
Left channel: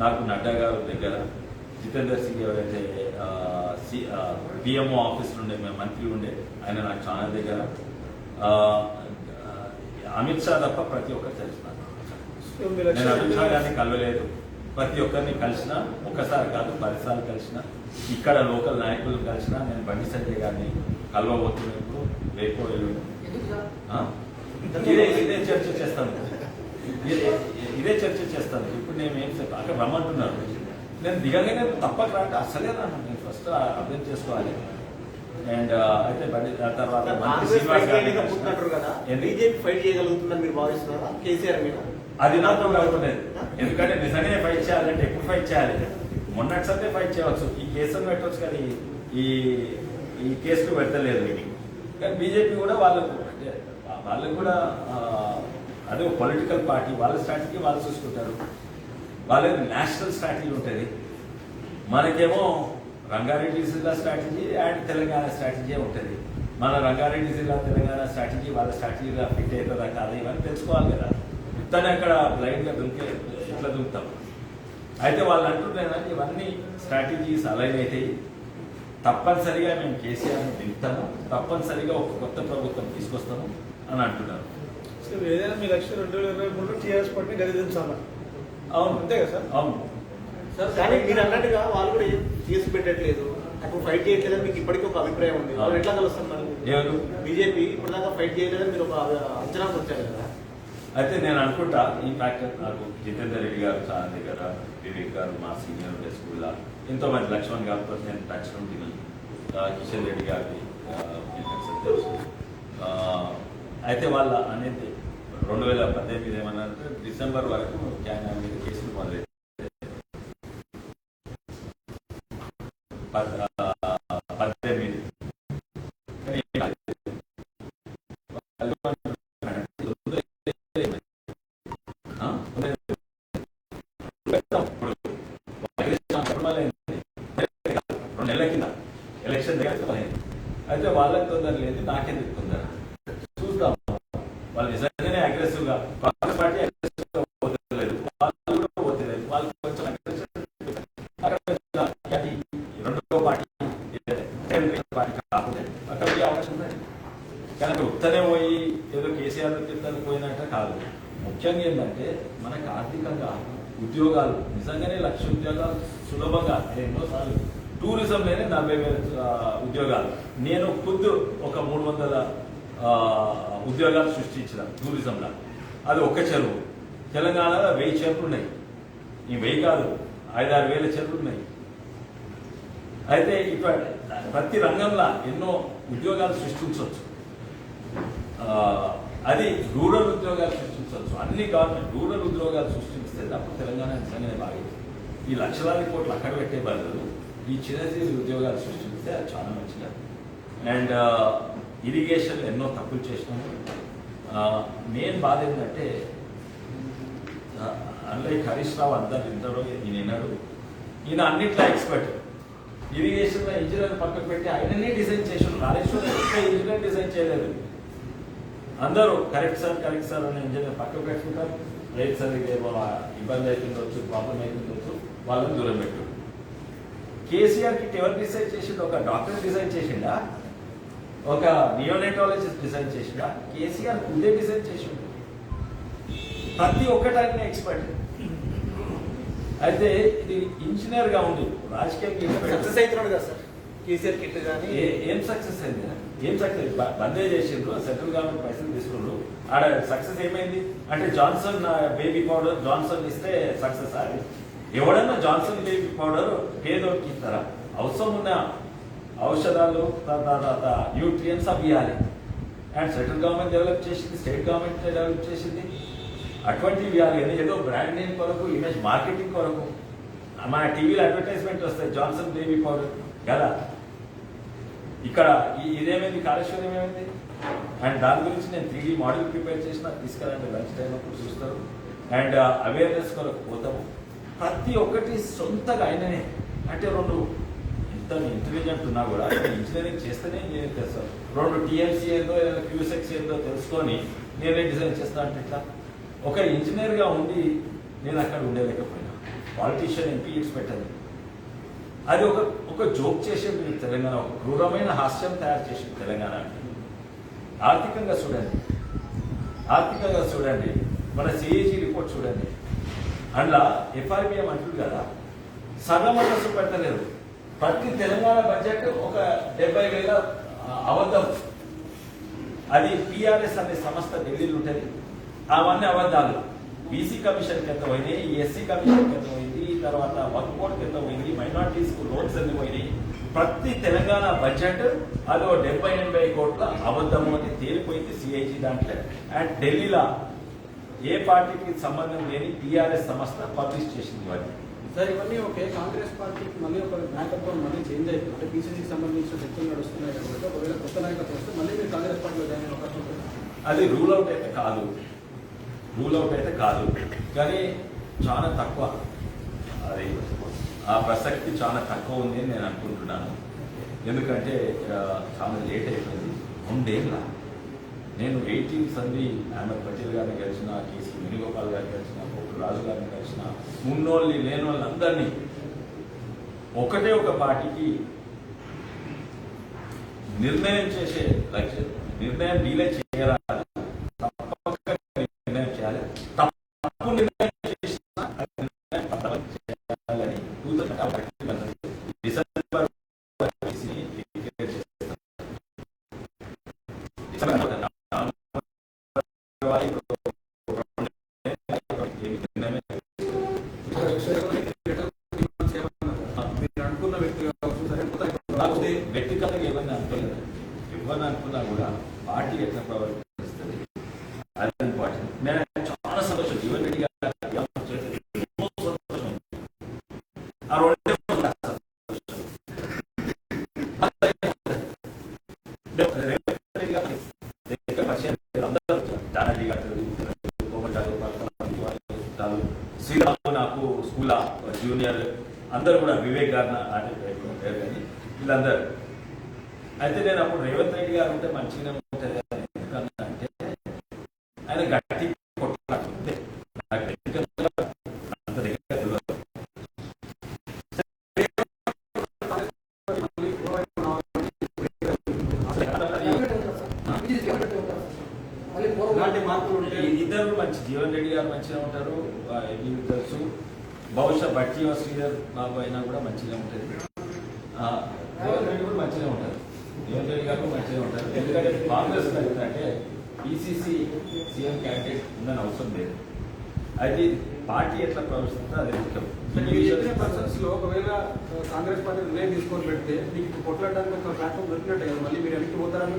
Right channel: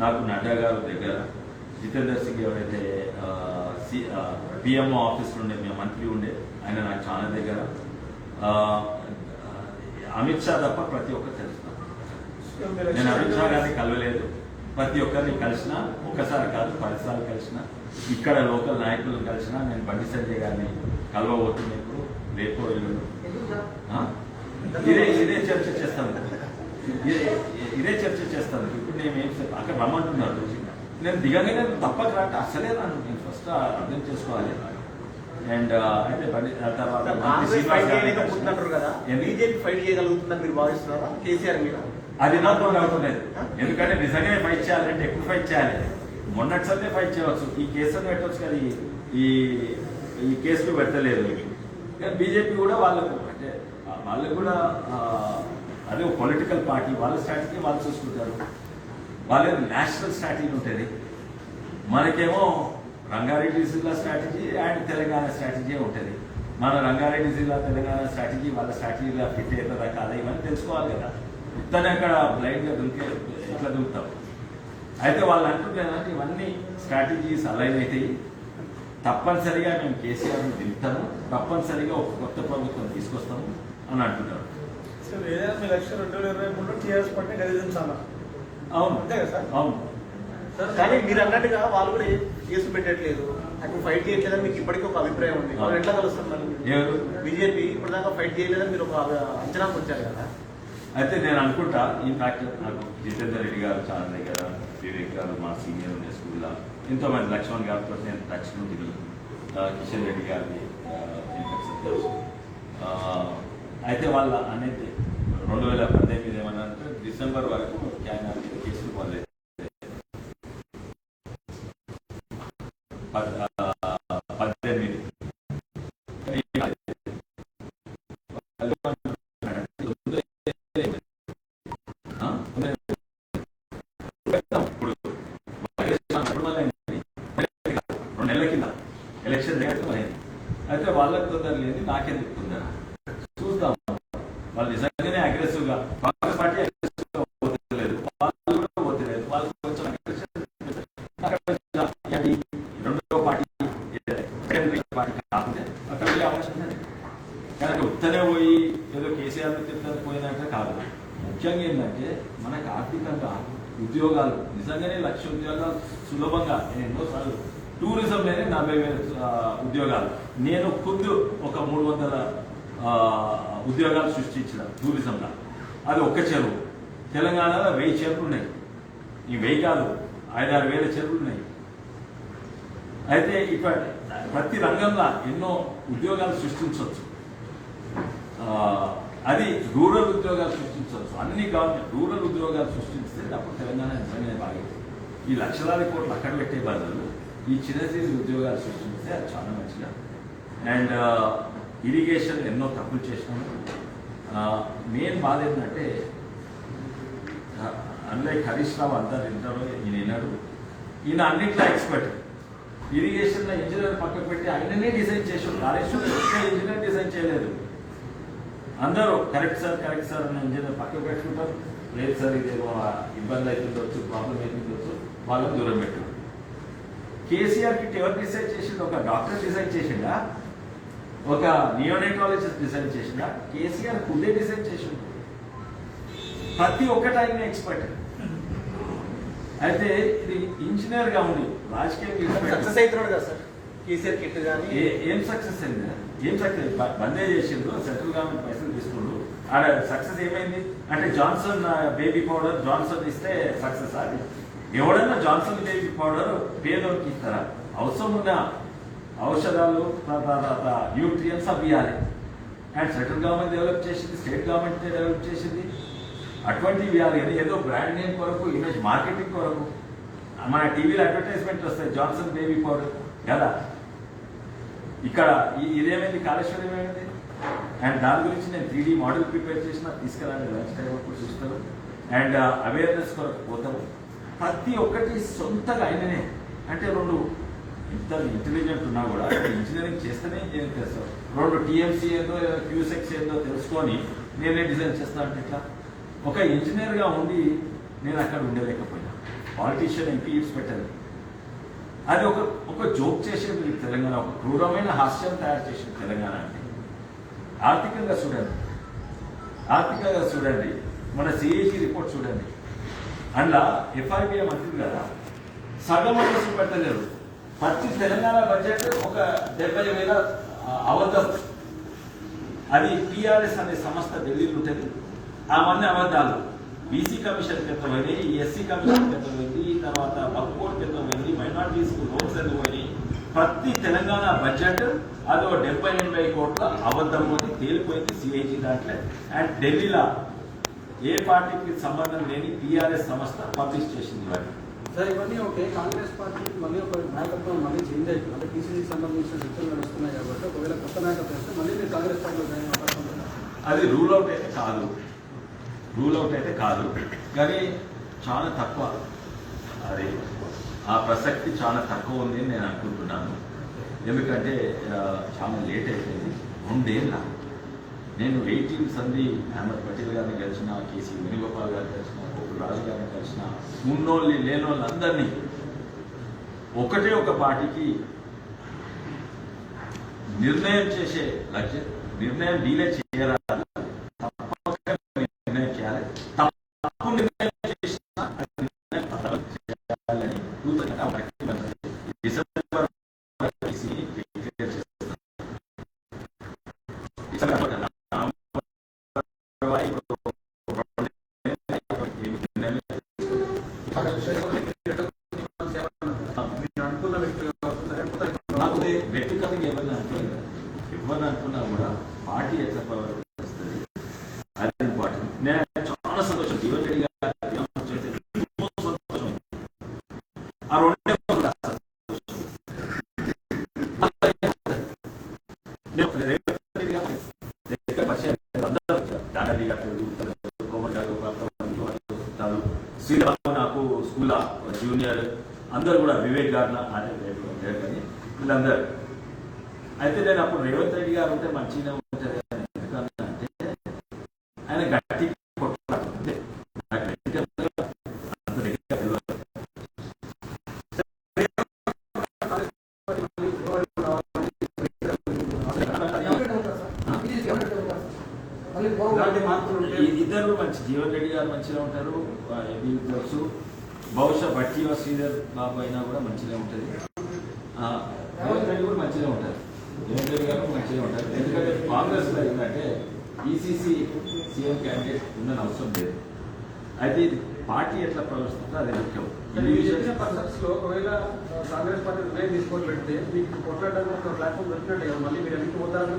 నాకు నడ్డా గారు దగ్గర, జితేందర్ సింగ్ ఎవరైతే పిఎంఓ ఆఫీసులో ఉండే, మేము మంత్రి ఉండే, ఆయన నాకు చాలా దగ్గర. అమిత్ షా తప్ప ప్రతి ఒక్కరు తెలుసుకున్నాను. నేను అమిత్ షా గారిని కలవలేదు, ప్రతి ఒక్కరిని కలిసిన, ఒకసారి కాదు 10 సార్లు కలిసిన. ఇక్కడ లోకల్ నాయకులను కలిసిన. నేను బండి సంజయ్ గారిని కలవబోతుంది ఇప్పుడు, రేపు ఇదే చర్చ చేస్తాను. ఇప్పుడు నేను ఏం అక్కడ రమ్మంటున్నారు. నేను దిగగానే తప్పక రాక అసలే రాను. నేను ఫస్ట్ అర్థం చేసుకోవాలి. అండ్ అయితే తర్వాత బీజేపీ ఫైట్ చేయగలుగుతుందని మీరు భావిస్తున్నారా కేసీఆర్ మీద? అది నాతో అనుకునేది. ఎందుకంటే నిజంగానే ఫైట్ చేయాలంటే ఎక్కువ ఫైట్ చేయాలి. మొన్నటిసారి ఫైట్ చేయవచ్చు, ఈ కేసులు పెట్టవచ్చు, కానీ ఈ కేసులు పెట్టలేదు. కానీ బీజేపీ కూడా వాళ్ళకు కూడా అదే పొలిటికల్ పార్టీ, వాళ్ళ స్ట్రాటజీ వాళ్ళు చూసుకుంటారు. వాళ్ళది నేషనల్ స్ట్రాటజీ ఉంటుంది. మనకేమో రంగారెడ్డి జిల్లా స్ట్రాటజీ అండ్ తెలంగాణ స్ట్రాటజీ ఉంటుంది. మన రంగారెడ్డి జిల్లా తెలంగాణ స్ట్రాటజీ వాళ్ళ స్ట్రాటజీగా ఫిట్ అవుతుందా కాదా ఇవన్నీ తెలుసుకోవాలి కదా. ఇతనే అక్కడ బ్లైండ్ గా ఎట్లా దూకుతాం. అయితే వాళ్ళు అంటున్నారు ఇవన్నీ స్ట్రాటజీస్ అలైన్ అవుతాయి. తప్పనిసరిగా మేము కేసీఆర్ని దింపుతాము, తప్పనిసరిగా ఒక కొత్త ప్రభుత్వం తీసుకొస్తాము అని అంటున్నారు. ఏదైనా మీ లక్ష్యం 2023లో టీఆర్ఎస్ పార్టీని గెలిపించాలా? అవును, అంతే కదా సార్? అవును సార్. కానీ మీరు అన్నట్టుగా వాళ్ళు కూడా కేసు పెట్టట్లేదు, అప్పుడు ఫైట్ చేయట్లేదని మీకు ఇప్పటికీ ఒక అభిప్రాయం ఉంది. వాళ్ళు ఎట్లా కలుస్తున్నారు? బీజేపీ ఇప్పుడు దాకా ఫైట్ చేయలేదని మీరు ఒక అంచనాకు వచ్చారు కదా. అయితే నేను అనుకుంటా, ఈ ఫ్యాక్ట్ నాకు జితేందర్ రెడ్డి గారు చాలా దగ్గర, వివేక్ గారు మా సీనియర్ ఉండే స్కూల్లో, ఎంతో మంది లక్ష్మణ్ గారితో నేను టచ్ ఉంటుంది, కిషన్ రెడ్డి గారిది తెలుసు. అయితే వాళ్ళ అనేది 2018 ఏమన్నారంటే డిసెంబర్ వరకు ఆయన కేసులు మొదలైంది. 18 నెలల కింద ఎలక్షన్ దగ్గర. అయితే వాళ్ళకి తొందర లేదు, నాకెందుకు తొందర? చూద్దాం. వాళ్ళు నిజంగానే అగ్రెసివ్ గా, కాంగ్రెస్ పార్టీ అగ్రెసివ్ గా పోతలేదు, వాళ్ళు కూడా పోతలేదు. వాళ్ళు కొంచెం రెండో పార్టీ కాకుండా అక్కడ అవకాశం ఉన్నది. కానీ ఉత్తనే పోయి ఏదో కేసీఆర్ కింద పోయినట్టే కాదు. ముఖ్యంగా ఏంటంటే మనకి ఆర్థికంగా ఉద్యోగాలు, నిజంగానే 1,00,000 ఉద్యోగాలు సులభంగా, ఎన్నోసార్లు టూరిజంలోనే 40,000 ఉద్యోగాలు. నేను ఖుద్దు ఒక 300 ఉద్యోగాలు సృష్టించిన టూరిజంలో. అది ఒక్క చెరువు. తెలంగాణలో 1000 చెరువులు ఉన్నాయి. ఈ 1000 కాదు, 5-6 వేల చెరువులు ఉన్నాయి. అయితే ఇప్పుడు ప్రతి రంగంలో ఎన్నో ఉద్యోగాలు సృష్టించవచ్చు. అది రూరల్ ఉద్యోగాలు సృష్టించవచ్చు. అన్ని గవర్నమెంట్ రూరల్ ఉద్యోగాలు సృష్టిస్తే అప్పుడు తెలంగాణ నిజంగానే బాగుంది. ఈ లక్షలాది కోట్లు అక్కడ పెట్టే బదులు ఈ చిన్న ఉద్యోగాలు సృష్టిస్తే అది చాలా మంచిగా. అండ్ ఇరిగేషన్ ఎన్నో తప్పులు చేసినాము. మెయిన్ బాధ ఏంటంటే అన్లైక్ హరీష్ రావు అంతా తింటాడు, ఈయన విన్నాడు. ఈయన అన్నిట్లో ఎక్స్పర్ట్. ఇరిగేషన్ ఇంజనీర్ పక్కకు పెట్టి ఆయననే డిజైన్ చేసాడు. కాళేశ్వరం ఇంజనీర్ డిజైన్ చేయలేదు. అందరూ కరెక్ట్ సార్ అన్న ఇంజనీర్ పక్కకు పెట్టుకుంటారు. లేదు సార్ ఇదేమో ఇబ్బంది అవుతుండొచ్చు, ప్రాబ్లం అవుతుండొచ్చు, వాళ్ళని దూరం పెట్టారు. కేసీఆర్ కిట్ ఎవరు డిజైన్ చేసిండు? ఒక డాక్టర్ డిజైన్ చేసిండా? ఒక నియోనైటాలజిస్ట్ డిజైన్ చేసిండా? కేసీఆర్ ముందే డిజైన్ చేసిండు. ప్రతి ఒక్కటి ఆయన ఎక్స్పర్ట్. అయితే ఇది ఇంజనీర్ గా ఉండి రాజకీయంగా సక్సెస్ అవుతున్నాడు కదా సార్ కేసీఆర్ కిట్ కానీ. ఏం సక్సెస్ అయింది? ఏం సక్సెస్? బందే చేసిండ్రు, సెంట్రల్ గవర్నమెంట్ పైసలు తీసుకుండ్రు. ఆడ సక్సెస్ ఏమైంది అంటే జాన్సన్ బేబీ పౌడర్ జాన్సన్ ఇస్తే సక్సెస్. అది ఎవడన్నా జాన్సన్ బేబీ పౌడర్ పేదోడికి ఇస్తారా? అవసరం ఉన్న ఔషధాలు తర్వాత న్యూట్రియన్స్ అవి ఇవ్వాలి. అండ్ సెంట్రల్ గవర్నమెంట్ డెవలప్ చేసింది, స్టేట్ గవర్నమెంట్ డెవలప్ చేసింది. అటువంటివి ఇవ్వాలి కానీ ఏదో బ్రాండ్ నేమ్ కొరకు, ఇమేజ్ మార్కెటింగ్ కొరకు మన టీవీలో అడ్వర్టైజ్మెంట్ వస్తాయి జాన్సన్ బేబీ పౌడర్ కదా. ఇక్కడ ఇదేమైంది? కాళేశ్వరం ఏమైంది? అండ్ దాని గురించి నేను 3D మోడల్ ప్రిపేర్ చేసిన, తీసుకురండి లంచ్ టైం అప్పుడు చూస్తారు. అండ్ అవేర్నెస్ కొరకు పోతాము. ప్రతి ఒక్కటి సొంతగా అయిననే. అంటే రెండు ఇంత ఇంటెలిజెంట్ ఉన్నా కూడా ఇంజనీరింగ్ చేస్తేనే ఇంజనీరింగ్ చేస్తాను. 2 TMC ఏందో క్యూసెక్స్ ఏందో తెలుసుకొని నేనే డిజైన్ చేస్తాను. ఇట్లా ఒక ఇంజనీర్ గా ఉండి నేను అక్కడ ఉండలేకపోయినా. పాలిటీషియన్ ఎంపీ పెట్టాను. అది ఒక జోక్ చేసేది తెలంగాణ. ఒక క్రూరమైన హాస్యం తయారు చేసింది తెలంగాణ అంటే. ఆర్థికంగా చూడండి, మన సిఏజీ రిపోర్ట్ చూడండి. అందులో FIBM అంటుంది కదా, సగం వసూలు పెట్టలేరు. ప్రతి తెలంగాణ బడ్జెట్ ఒక 70,000 అబద్ధం. అది PRS అనే సంస్థ ఢిల్లీలో ఉంటుంది. అవన్నీ అబద్ధాలు. బీసీ కమిషన్ కింద పోయి, ఎస్సీ కమిషన్ కింద పోయింది, తర్వాత వక్ఫ్ బోర్డు కింద పోయింది, మైనార్టీస్ లోన్స్ ఎందుకు పోయి. ప్రతి తెలంగాణ బడ్జెట్ అది 70-80 కోట్ల అబద్ధము అని తేలిపోయింది సిఐజీ దాంట్లో. అండ్ ఢిల్లీలో ఏ పార్టీకి సంబంధం లేని PRS సంస్థ పబ్లిష్ చేసింది వాటి. సార్ ఇవన్నీ ఓకే, కాంగ్రెస్ పార్టీకి మళ్ళీ ఒక నాయకత్వం మళ్ళీ చేంజ్ అవుతుంది. అంటే PCCకి సంబంధించిన చర్చలు నడుస్తున్నాయి కాబట్టి ఒకవేళ కొత్త నాయకత్వం వస్తే మళ్ళీ మీరు కాంగ్రెస్ పార్టీలో జాయిన్ అయ్యే అవకాశం ఉంటుంది. అది రూల్ అవుట్ అయితే కాదు, కానీ చాలా తక్కువ. అది ఆ ప్రసక్తి చాలా తక్కువ ఉంది అని నేను అనుకుంటున్నాను. ఎందుకంటే చాలా లేట్ అయిపోయింది. 2 ఏళ్ళ నేను 18 సంది అహ్మద్ పటేల్ గారిని కలిసిన, కేసీ వేణుగోపాల్ గారిని కలిసిన, పోపు రాజు గారిని కలిసిన, ఉన్నోళ్ళని లేనోళ్ళందరినీ ఒకటే ఒక పార్టీకి నిర్ణయం చేసే లక్ష్యం. నిర్ణయం డీలే చేయరాదు, తప్పక నిర్ణయం చేయాలి. తప్పు నిర్ణయం చేసిన చేయాలని డిసెంబర్ వ్యక్తిగతంగా ఏమన్నా అనుకున్నా కూడా పార్టీ ఎట్లా ప్రవర్తిస్తుంది అది ఇంపార్టెంట్. నేను చాలా సంతోషం జీవన్ రెడ్డి గారు ఆ 2 శ్రీరామ్ నాకు స్కూల్ జూనియర్ అందరూ కూడా వివేక్ గారు అంటే కానీ వీళ్ళందరూ. అయితే నేను అప్పుడు రేవంత్ రెడ్డి గారు ఉంటే మంచిగా ఉంటుంది ఎందుకంటే ఆయన గట్టి కొట్టాలంటే ఇద్దరు మంచి. జీవన్ రెడ్డి గారు మంచిగా ఉంటారు, తెలుసు. బహుశా బట్టి శ్రీధర్ బాబు అయినా కూడా మంచిగా ఉంటుంది. రేవంత్ రెడ్డి కూడా మంచిగా ఉంటారు, రేవంత్ రెడ్డి గారు మంచిగా ఉంటారు. ఎందుకంటే కాంగ్రెస్ లో ఏంటంటే PCC సీఎం క్యాండిడేట్ ఉందని అవసరం లేదు. అయితే పార్టీ ఎట్లా ప్రవర్తిస్తుందో అదే ముఖ్యం. లో ఒకవేళ కాంగ్రెస్ పార్టీ నిర్ణయం తీసుకొని పెడితే మీకు కొట్లాడడానికి ఒక ప్లాట్ఫామ్ దొరికినట్టు కదా, మళ్ళీ మీరు ఎందుకు పోతారు?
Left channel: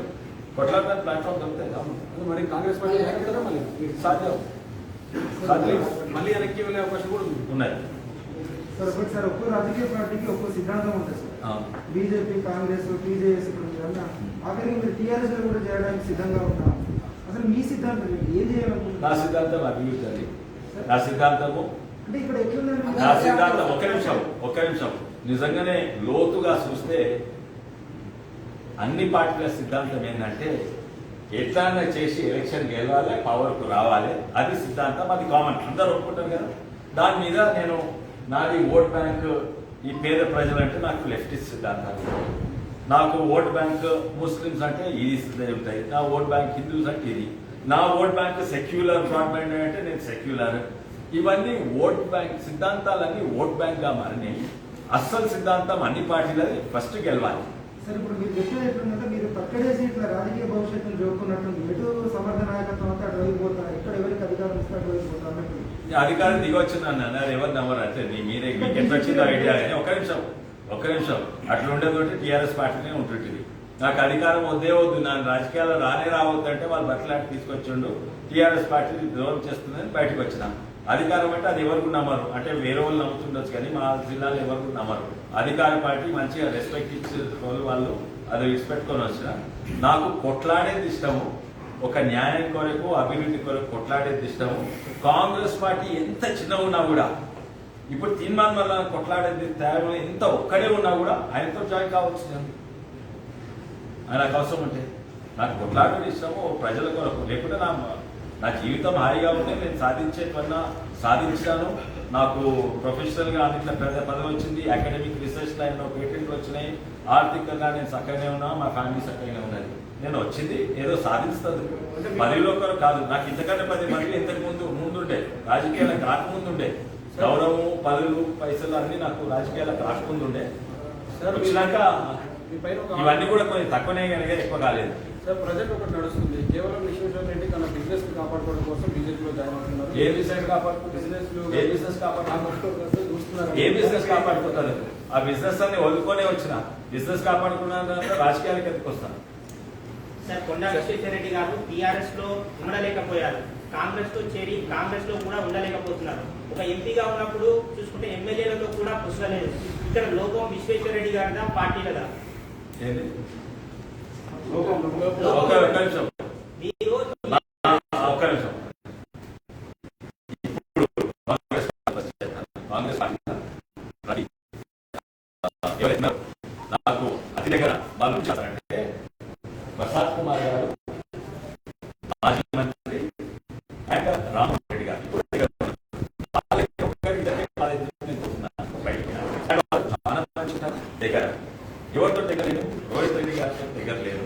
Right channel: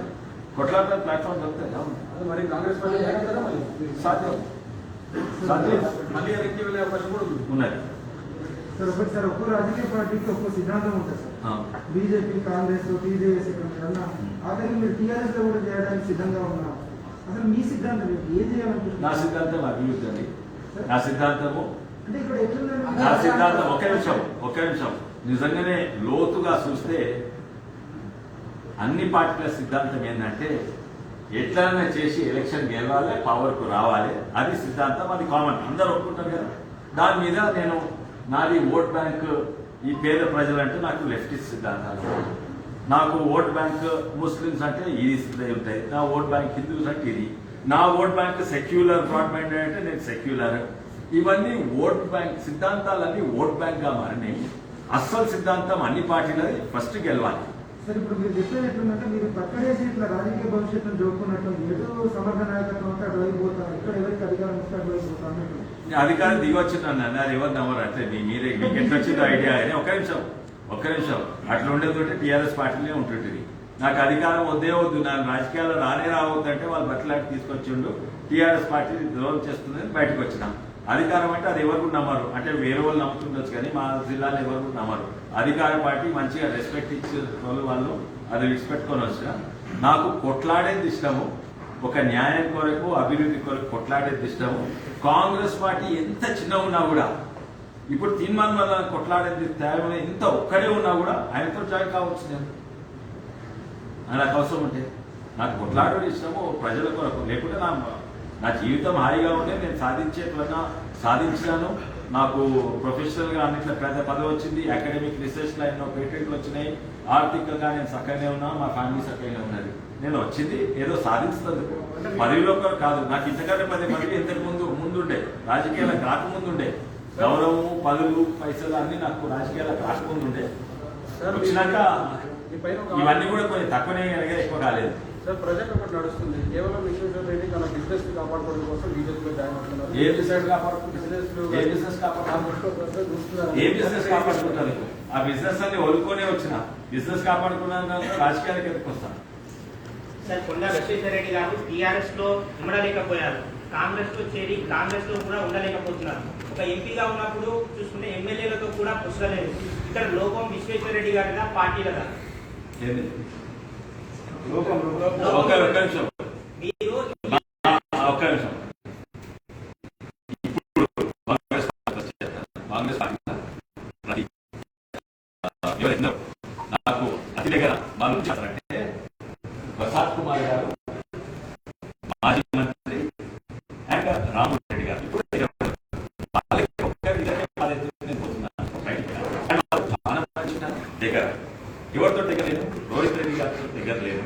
కొట్లాడడానికి ప్లాట్ఫామ్ దొరుకుతాయి. మరి కాంగ్రెస్ పార్టీ ఏమంటారో మళ్ళీ సాధ్యం మళ్ళీ వెనక్కి వెళ్ళే అవకాశం కూడా ఉన్నాయి. సార్ ఒక్కో రాజకీయ పార్టీకి ఒక్కో సిద్ధాంతం ఉంటుంది సార్. బీజేపీ, కాంగ్రెస్, TJS అన్న ఆఖరికి మీరు TRS లో కూడా చేయడానికి సిద్ధంగా ఉన్నారు. అసలు మీ సిద్ధాంతం ఏంటి? ఏం చేయాలనుకుంటున్నారు? నా సిద్ధాంతం అభివృద్ధి అండి. నా సిద్ధాంతము అంటే ఇక్కడ ఎట్లుందంటే నా సిద్ధాంతం ఒక్క నిమిషం నిజంగానే లోతుగా చూస్తే అన్ని పార్టీల సిద్ధాంతం ఏంటంటే ఎట్లైనా చేసి ఎలక్షన్ గెలవాలి, పవర్కు రావాలి, అది సిద్ధాంతం, అది కామన్, అందరూ ఒప్పుకుంటారు కదా. దాని మీద నాది ఓట్ బ్యాంక్, ఈ పేద ప్రజలంటే నాకు లెఫ్టిస్ట్ సిద్ధాంతాలు, నాకు ఓట్ బ్యాంక్ ముస్లిమ్స్ అంటే ఇది ఉంటాయి, నా ఓట్ బ్యాంక్ హిందూస్ అంటే ఇది, నా ఓట్ బ్యాంక్ సెక్యులర్ బ్రాడ్బ్యాండ్ అంటే నేను సెక్యులర్. ఇవన్నీ ఓట్ బ్యాంక్ సిద్ధాంతాలన్నీ ఓట్ బ్యాంక్ గా మారినాయి. అస్సలు సిద్ధాంతం అన్ని పార్టీలది ఫస్ట్ గెలవాలి. సార్ ఇప్పుడు మీరు చెప్పేది ఎట్లుందంటే మీరు పక్కడేసి ఇట్లా రాజకీయ భవిష్యత్తును జోకున్నట్టుంది. ఎటు సమర్థ నాయకత్వం అంటే అటు వైపు పోతారు, ఇక్కడ ఎవరికి అధికారం ఇస్తే అటు వైపు పోతారు అన్నట్టు. అధికారం దిగొచ్చిందన్న అన్నారు, ఎవరు నమ్మరు అంటే మీరే మీకు ఎంత వచ్చిందో ఐడియా. కానీ ఒక్క నిమిషం అట్లా ఉండేది టీఆర్ఎస్ పార్టీనే ఉంటుంటుంది. నాకు అధికారం వద్దే వద్దు, నన్ను రాజకీయాల్లో రావద్దంటే వాళ్ళు బట్టలాంటి తీసుకొచ్చిండు, టీఆర్ఎస్ పార్టీ ద్రోహం చేస్తుందని బయటకు వచ్చిన. అధికారం అంటే అది ఎవరికి నమ్మరు, అంటే వేరే వాళ్ళు నమ్ముతుండొచ్చు కానీ మా జిల్లాలో ఎవరికి నమ్మరు. అధికార పార్టీ మంచిగా రెస్పెక్ట్ ఇచ్చే వాళ్ళు అది విడిచిపెట్టుకొని వచ్చిన. నాకు కొట్లాడేది ఇష్టము, ఒక న్యాయం కొరకు అభివృద్ధి కొరకు కొట్లాడేది ఇష్టము. కాంగ్రెస్ పార్టీ ఎంత చిన్నగా ఉన్నా కూడా, ఇప్పుడు తీర్మానం వల్ల కొట్లాడేది త్యాగంలో ఎంత ఒక్కడే ఉన్నా కూడా ఆయనతో జాయిన్ కావచ్చు. నేను ఆయనకు అవసరం ఉంటే నాకు కొట్లాడడం ఇష్టము ప్రజల కొరకు, లేకుంటే నా జీవితం హాయిగా ఉంటే నేను సాధించేవన్నా సాధించాను. నాకు ప్రొఫెషనల్ గా అన్నింటిలో పెద్ద పదవి వచ్చింది, అకాడమిక్ రీసెర్చ్ లైన్ లో పేటెంట్లు వచ్చినాయి, ఆర్థికంగా నేను చక్కగానే ఉన్నా, మా ఫ్యామిలీ చక్కగానే ఉన్నది. నేను వచ్చింది ఏదో సాధిస్తుంది, పదవిలో కాదు. నాకు ఇంతకంటే 10 మంది ఇంతకు ముందుండే, రాజకీయాలకు రాకముందుండే, గౌరవము పదవులు పైసలు అన్ని నాకు రాజకీయాలకు రాకముందుండే. వచ్చినాక ఇవన్నీ కూడా కొంచెం తక్కువనే కనుక ఎక్కువ కాలేదు. సార్ ప్రజెంట్ ఒకటి నడుస్తుంది, కేవలం విశ్వేశ్వర రెడ్డి తన బిజినెస్ ని కాపాడుకోవడం కోసం బీజేపీలో జాయిన్ అవుతున్నారు. ఏ బిజినెస్ కాపాడుకుంటారు? ఆ బిజినెస్ అన్ని వదులుకొనే వచ్చిన, బిజినెస్ కాపాడుకున్నాను రాజకీయాలకు ఎందుకు వస్తాను? సార్ కొండ విశ్వేశ్వర రెడ్డి గారు టీఆర్ఎస్ లో ఉండలేకపోయారు, కాంగ్రెస్ లో చేరి కాంగ్రెస్ లో కూడా ఉండలేకపోతున్నారు. ఒక ఎంపీగా ఉన్నప్పుడు చూసుకుంటే ఎమ్మెల్యేలతో కూడా పుస్తకలేదు. ఇక్కడ లోపం విశ్వేశ్వర రెడ్డి గారిదా పార్టీలదా? ఒక్క నిమిషం మీరు ఒక్క నిమిషం. ఇప్పుడు కాంగ్రెస్ పార్టీ నాకు అతి దగ్గర వాళ్ళు చేస్తారంటే ప్రసాద్ కుమార్ గారు, మాజీ మంత్రి అండ్ రామ్మోహన్ రెడ్డి గారు దగ్గర ఎవరితో దగ్గర లేదు, రోహిత్ రెడ్డి గారితో దగ్గర లేదు,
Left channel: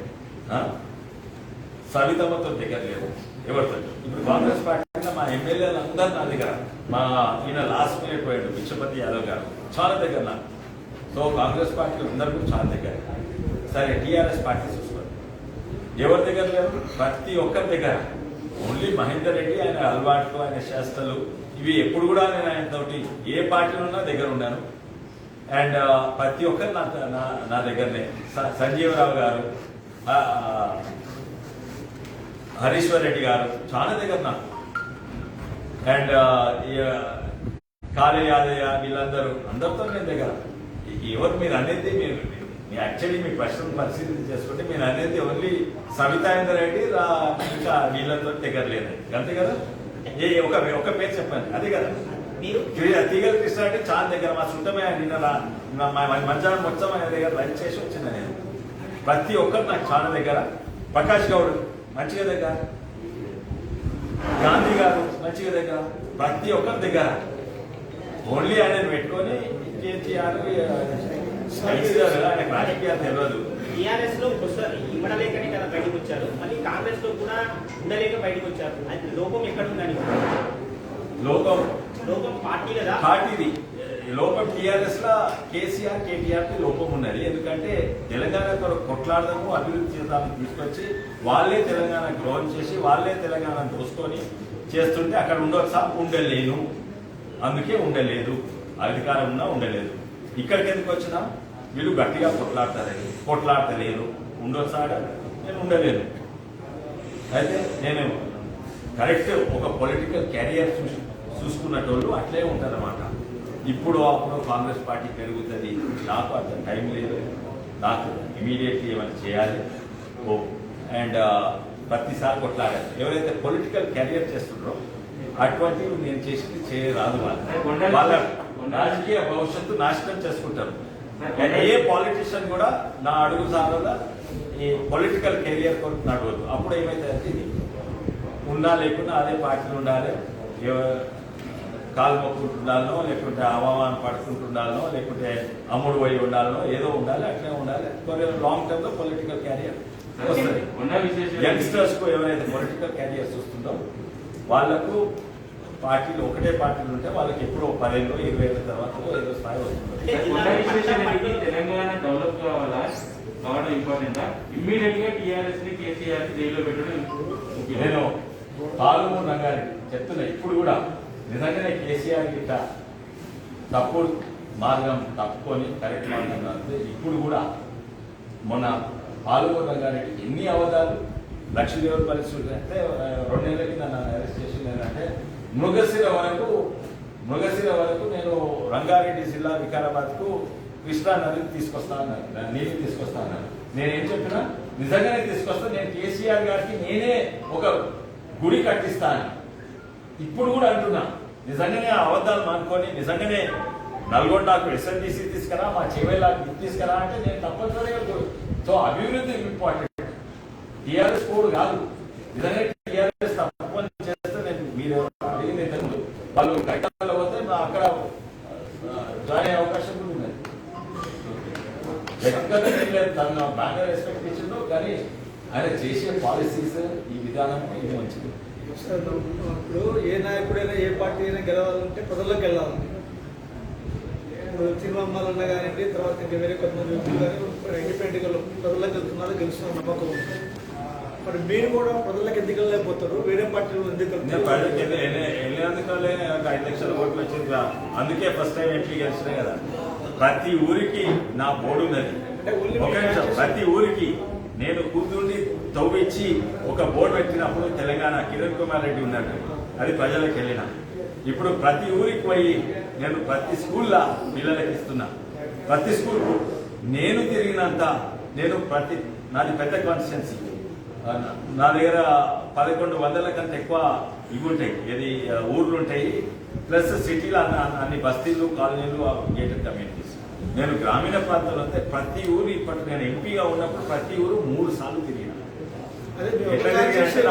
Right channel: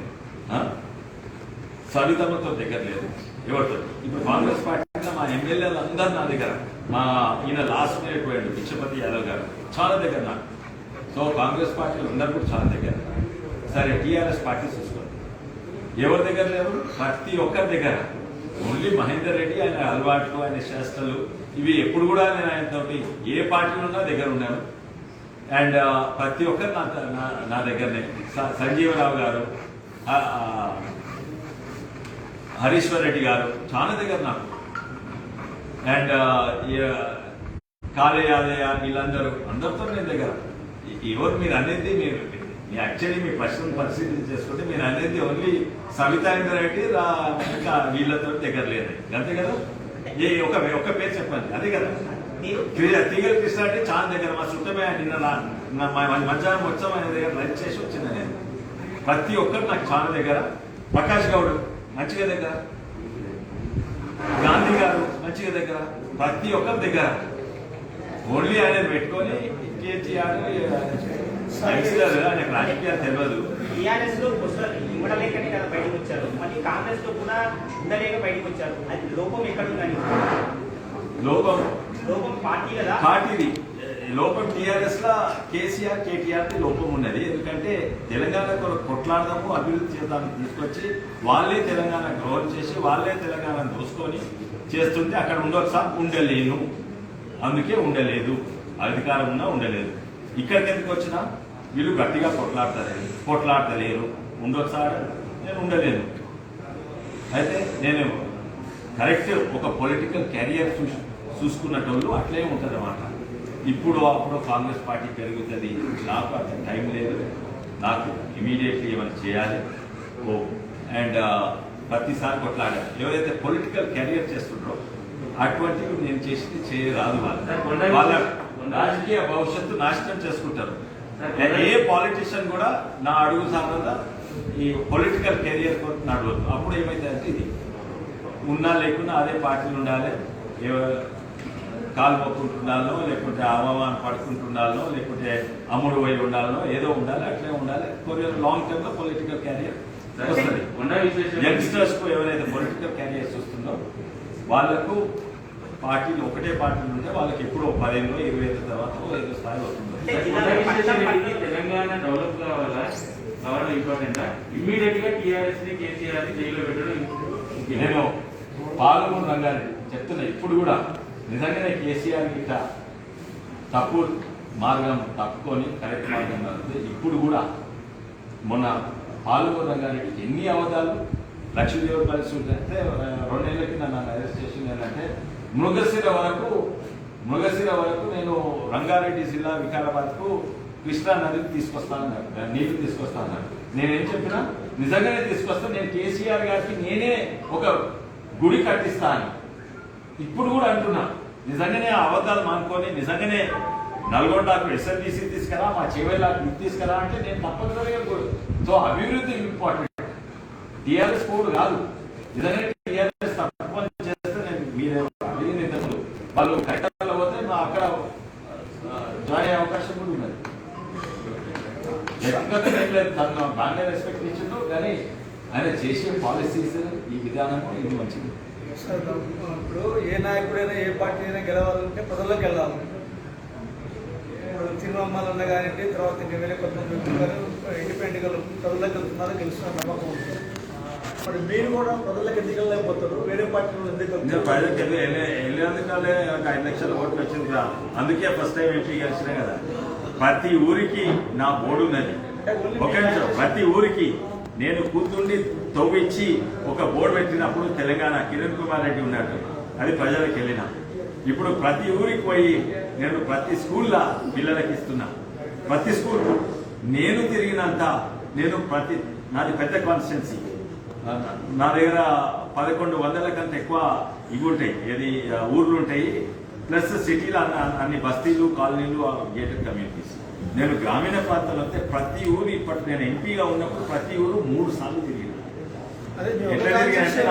సవితమ్మతో దగ్గర లేదు, ఎవరితో. ఇప్పుడు కాంగ్రెస్ పార్టీ మా ఎమ్మెల్యేలు అందరూ నా దగ్గర, మా ఈయన లాస్ట్ మినిట్ పోయాడు విశ్వపతి యాదవ్ గారు, చాలా దగ్గర నాకు. సో కాంగ్రెస్ పార్టీలు అందరూ కూడా చాలా దగ్గర. సరే టీఆర్ఎస్ పార్టీ చూసుకోండి, ఎవరి దగ్గర లేరు, ప్రతి ఒక్కరి దగ్గర. ఓన్లీ మహేందర్ రెడ్డి ఆయన అలవాట్లు, ఆయన శాస్త్రాలు ఇవి ఎప్పుడు కూడా నేను ఆయనతోటి ఏ పార్టీలో ఉన్నా దగ్గర ఉన్నాను. అండ్ ప్రతి ఒక్కరు నా దగ్గరనే. సంజీవరావు గారు, హరీశ్వర్ రెడ్డి గారు చాలా దగ్గర నాకు. అండ్ కాళే యాదయ్య వీళ్ళందరూ అందరితో నేను దగ్గర. ఎవరు మీరు అనేది మీరు యాక్చువల్లీ మీ ప్రశ్న పరిశీలన చేసుకుంటే మీరు అనేది ఓన్లీ సవితాయేంద్ర రెడ్డి ఇంకా వీళ్ళతో దగ్గర లేదు అంతే కదా. ఒక పేరు చెప్పండి, అదే కదా. తీగల కృష్ణ అంటే చాలా దగ్గర, మా సుత్తమే నిన్న మధ్యాహ్నం వచ్చాం ఆయన దగ్గర లంచ్ చేసి వచ్చింది. నేను ప్రతి ఒక్కరు నాకు చాలా దగ్గర. ప్రకాష్ గౌడ్ మంచిగా దగ్గర, గాంధీ గారు మంచిగా దగ్గర, ప్రతి ఒక్కరి దగ్గర. ఓన్లీ ఆయన పెట్టుకొని కేటీఆర్ ఆయన రాజకీయాలు తెలియదు. టీఆర్ఎస్ లో ఇవ్వడలేకనే కదా బయటకు వచ్చారు, మళ్ళీ కాంగ్రెస్ లో కూడా ఉండలేక బయటకు వచ్చారు. అది లోపం ఎక్కడుందని? లోపం పార్టీ కదా, పార్టీది లోపం. టీఆర్ఎస్ లా కేసీఆర్ కేటీఆర్ కి లోపం ఉన్నది. ఎందుకంటే తెలంగాణ కొట్లాడదాము, అభివృద్ధి చేద్దామని తీసుకొచ్చి వాళ్ళే తెలంగాణ గ్రౌండ్ చేసి వాళ్ళే తెలంగాణ దోసుకొని చేస్తుంటే అక్కడ ఉండలేను, అందుకే ఉండలేదు. అధికారం ఉన్నా ఉండలేదు. ఇక్కడికి ఎందుకు వచ్చినా వీళ్ళు గట్టిగా కొట్లాడతలేరు, ఉండొచ్చాడు, నేను ఉండలేను. అయితే నేను కరెక్ట్ ఒక పొలిటికల్ క్యారియర్ చూసుకున్నట్టు అట్లే ఉంటారన్నమాట. ఇప్పుడు అప్పుడు కాంగ్రెస్ పార్టీ పెరుగుతుంది, నాకు అంత టైం లేదు, నాకు ఇమీడియట్లీ ఏమైనా చేయాలి. అండ్ ప్రతిసారి కొట్లాడారు. ఎవరైతే పొలిటికల్ కెరియర్ చేస్తున్నారో అటువంటివి నేను చేసి చేయరాదు వాళ్ళ రాజకీయ భవిష్యత్తు నాశనం చేసుకుంటారు. ఏ పాలిటిషియన్ కూడా నా అడుగు సార్లు ఈ పొలిటికల్ కెరియర్ కొరకు నడవద్దు. అప్పుడు ఏమైతే ఇది ఉన్నా లేకున్నా అదే పార్టీలు ఉండాలి, కాలు మొక్కుంటుండాలనో లేకుంటే అవమానం పడుకుంటుండాలనో లేకుంటే అమ్ముడు పోయి ఉండాలనో ఏదో ఉండాలి, అట్లే ఉండాలి. లాంగ్ టర్మ్ లో పొలిటికల్ క్యారియర్ వస్తుంది. యంగ్స్టర్స్ కు ఎవరైతే పొలిటికల్ క్యారియర్స్ వస్తుందో వాళ్లకు పార్టీలు ఒకటే పార్టీలు ఉంటే వాళ్ళకి ఎప్పుడో 10 ఏళ్ళు 20 ఏళ్ళ తర్వాత ఏదో స్థాయి వస్తుంది. తెలంగాణ డెవలప్ కావాలా ఇంపార్టెంట్ ఇమ్మీడియట్ గా టీఆర్ఎస్ ని కేసీఆర్ ని జైల్లో పెట్టడం. నేను పాల్గొన్న రంగాన్ని చెప్తున్నా. ఇప్పుడు కూడా నిజంగానే కేసీఆర్ గిట్ట తప్పు మార్గం తప్పుకొని కరెక్ట్ మార్గం వెళ్తే ఇప్పుడు కూడా మొన్న పాల్గొన్న రంగానికి ఎన్ని అవధాలు లక్షదేవులు కలిసి ఉంటే 2 నెలల కింద నన్ను అరెస్ట్ చేసింది ఏంటంటే మృగశిర వరకు నేను రంగారెడ్డి జిల్లా వికారాబాద్ కు కృష్ణా నదిని తీసుకొస్తానన్నారు, నీటిని తీసుకొస్తానన్నారు. నేనేం చెప్పినా నిజంగానే తీసుకొస్తా, నేను కేసీఆర్ గారికి నేనే ఒక గుడి కట్టిస్తాను ఇప్పుడు కూడా అంటున్నా. నిజంగానే ఆ అబద్ధాలు మానుకొని నిజంగానే నల్గొండకు ఎస్ఎల్డిసి తీసుకురా, మా చెవేలాకు ఇది తీసుకురా అంటే నేను తప్పనిసరిగా కూడా. సో అభివృద్ధి ఇంపార్టెంట్, టీఆర్ఎస్ కోడ్ కాదు. నిజంగా టీఆర్ఎస్ తప్పని చేస్తే నేను మీరు అడిగిన ఇంతకుముందు వాళ్ళు కట్టాలో పోతే అక్కడ జాయిన్ అయ్యే అవకాశం కూడా ఉన్నది. వ్యక్తిగతంగా ఏం లేదు, తను బాగా రెస్పెక్ట్ చేసిండు, కానీ ఆయన చేసే పాలసీస్ ఈ విధానం ఇది మంచిది. ఇప్పుడు ఏ నాయకుడైనా ఏ పార్టీ అయినా గెలవాలంటే ప్రజల్లోకి వెళ్ళాలి. ఇప్పుడు తిరుమలన్న గారికి తర్వాత ఇంకా వేరే కొంతమంది ఇండిపెండెంట్ గా ప్రజల్లోకి వెళ్తున్నారు, గెలుస్తున్న నమ్మకం ఉంది. మరి మీరు కూడా ప్రజలకు ఎందుకు వెళ్ళలేకపోతారు, వేరే పార్టీలు ఎందుకు వెళ్ళేందుకలే 5 లక్షల ఓట్లు వచ్చింది. అందుకే ఫస్ట్ టైం ఎంపీ గెలిచినాయి కదా. ప్రతి ఊరికి నా బోర్డు ఉన్నది. ఒక నిమిషం, ప్రతి ఊరికి నేను కూతుర్ని తవ్వించి ఒక బోర్డు పెట్టినప్పుడు తెలంగాణ కిరణ్ కుమార్ రెడ్డి ఉన్నాడు, అది ప్రజలకు వెళ్ళిన. ఇప్పుడు ప్రతి ఊరికి పోయి నేను ప్రతి స్కూల్లో పిల్లలకి ఇస్తున్నా. ప్రతి స్కూల్ నేను తిరిగినంత నేను నాది పెద్ద కాన్స్టిట్యున్సీ, నా దగ్గర 1100 కంటే ఎక్కువ ఇవి ఉంటాయి, ఏది ఊర్లు ఉంటాయి, ప్లస్ సిటీలో అన్ని బస్తీలు కాలనీలు గేటెడ్ కమ్యూనిటీస్. నేను గ్రామీణ ప్రాంతాల్లో అయితే ప్రతి ఊరు ఇప్పటి నేను ఎంపీగా ఉన్నప్పుడు ప్రతి ఊరు 3 సార్లు తిరిగిన. ఎట్లా తిరిగినంటే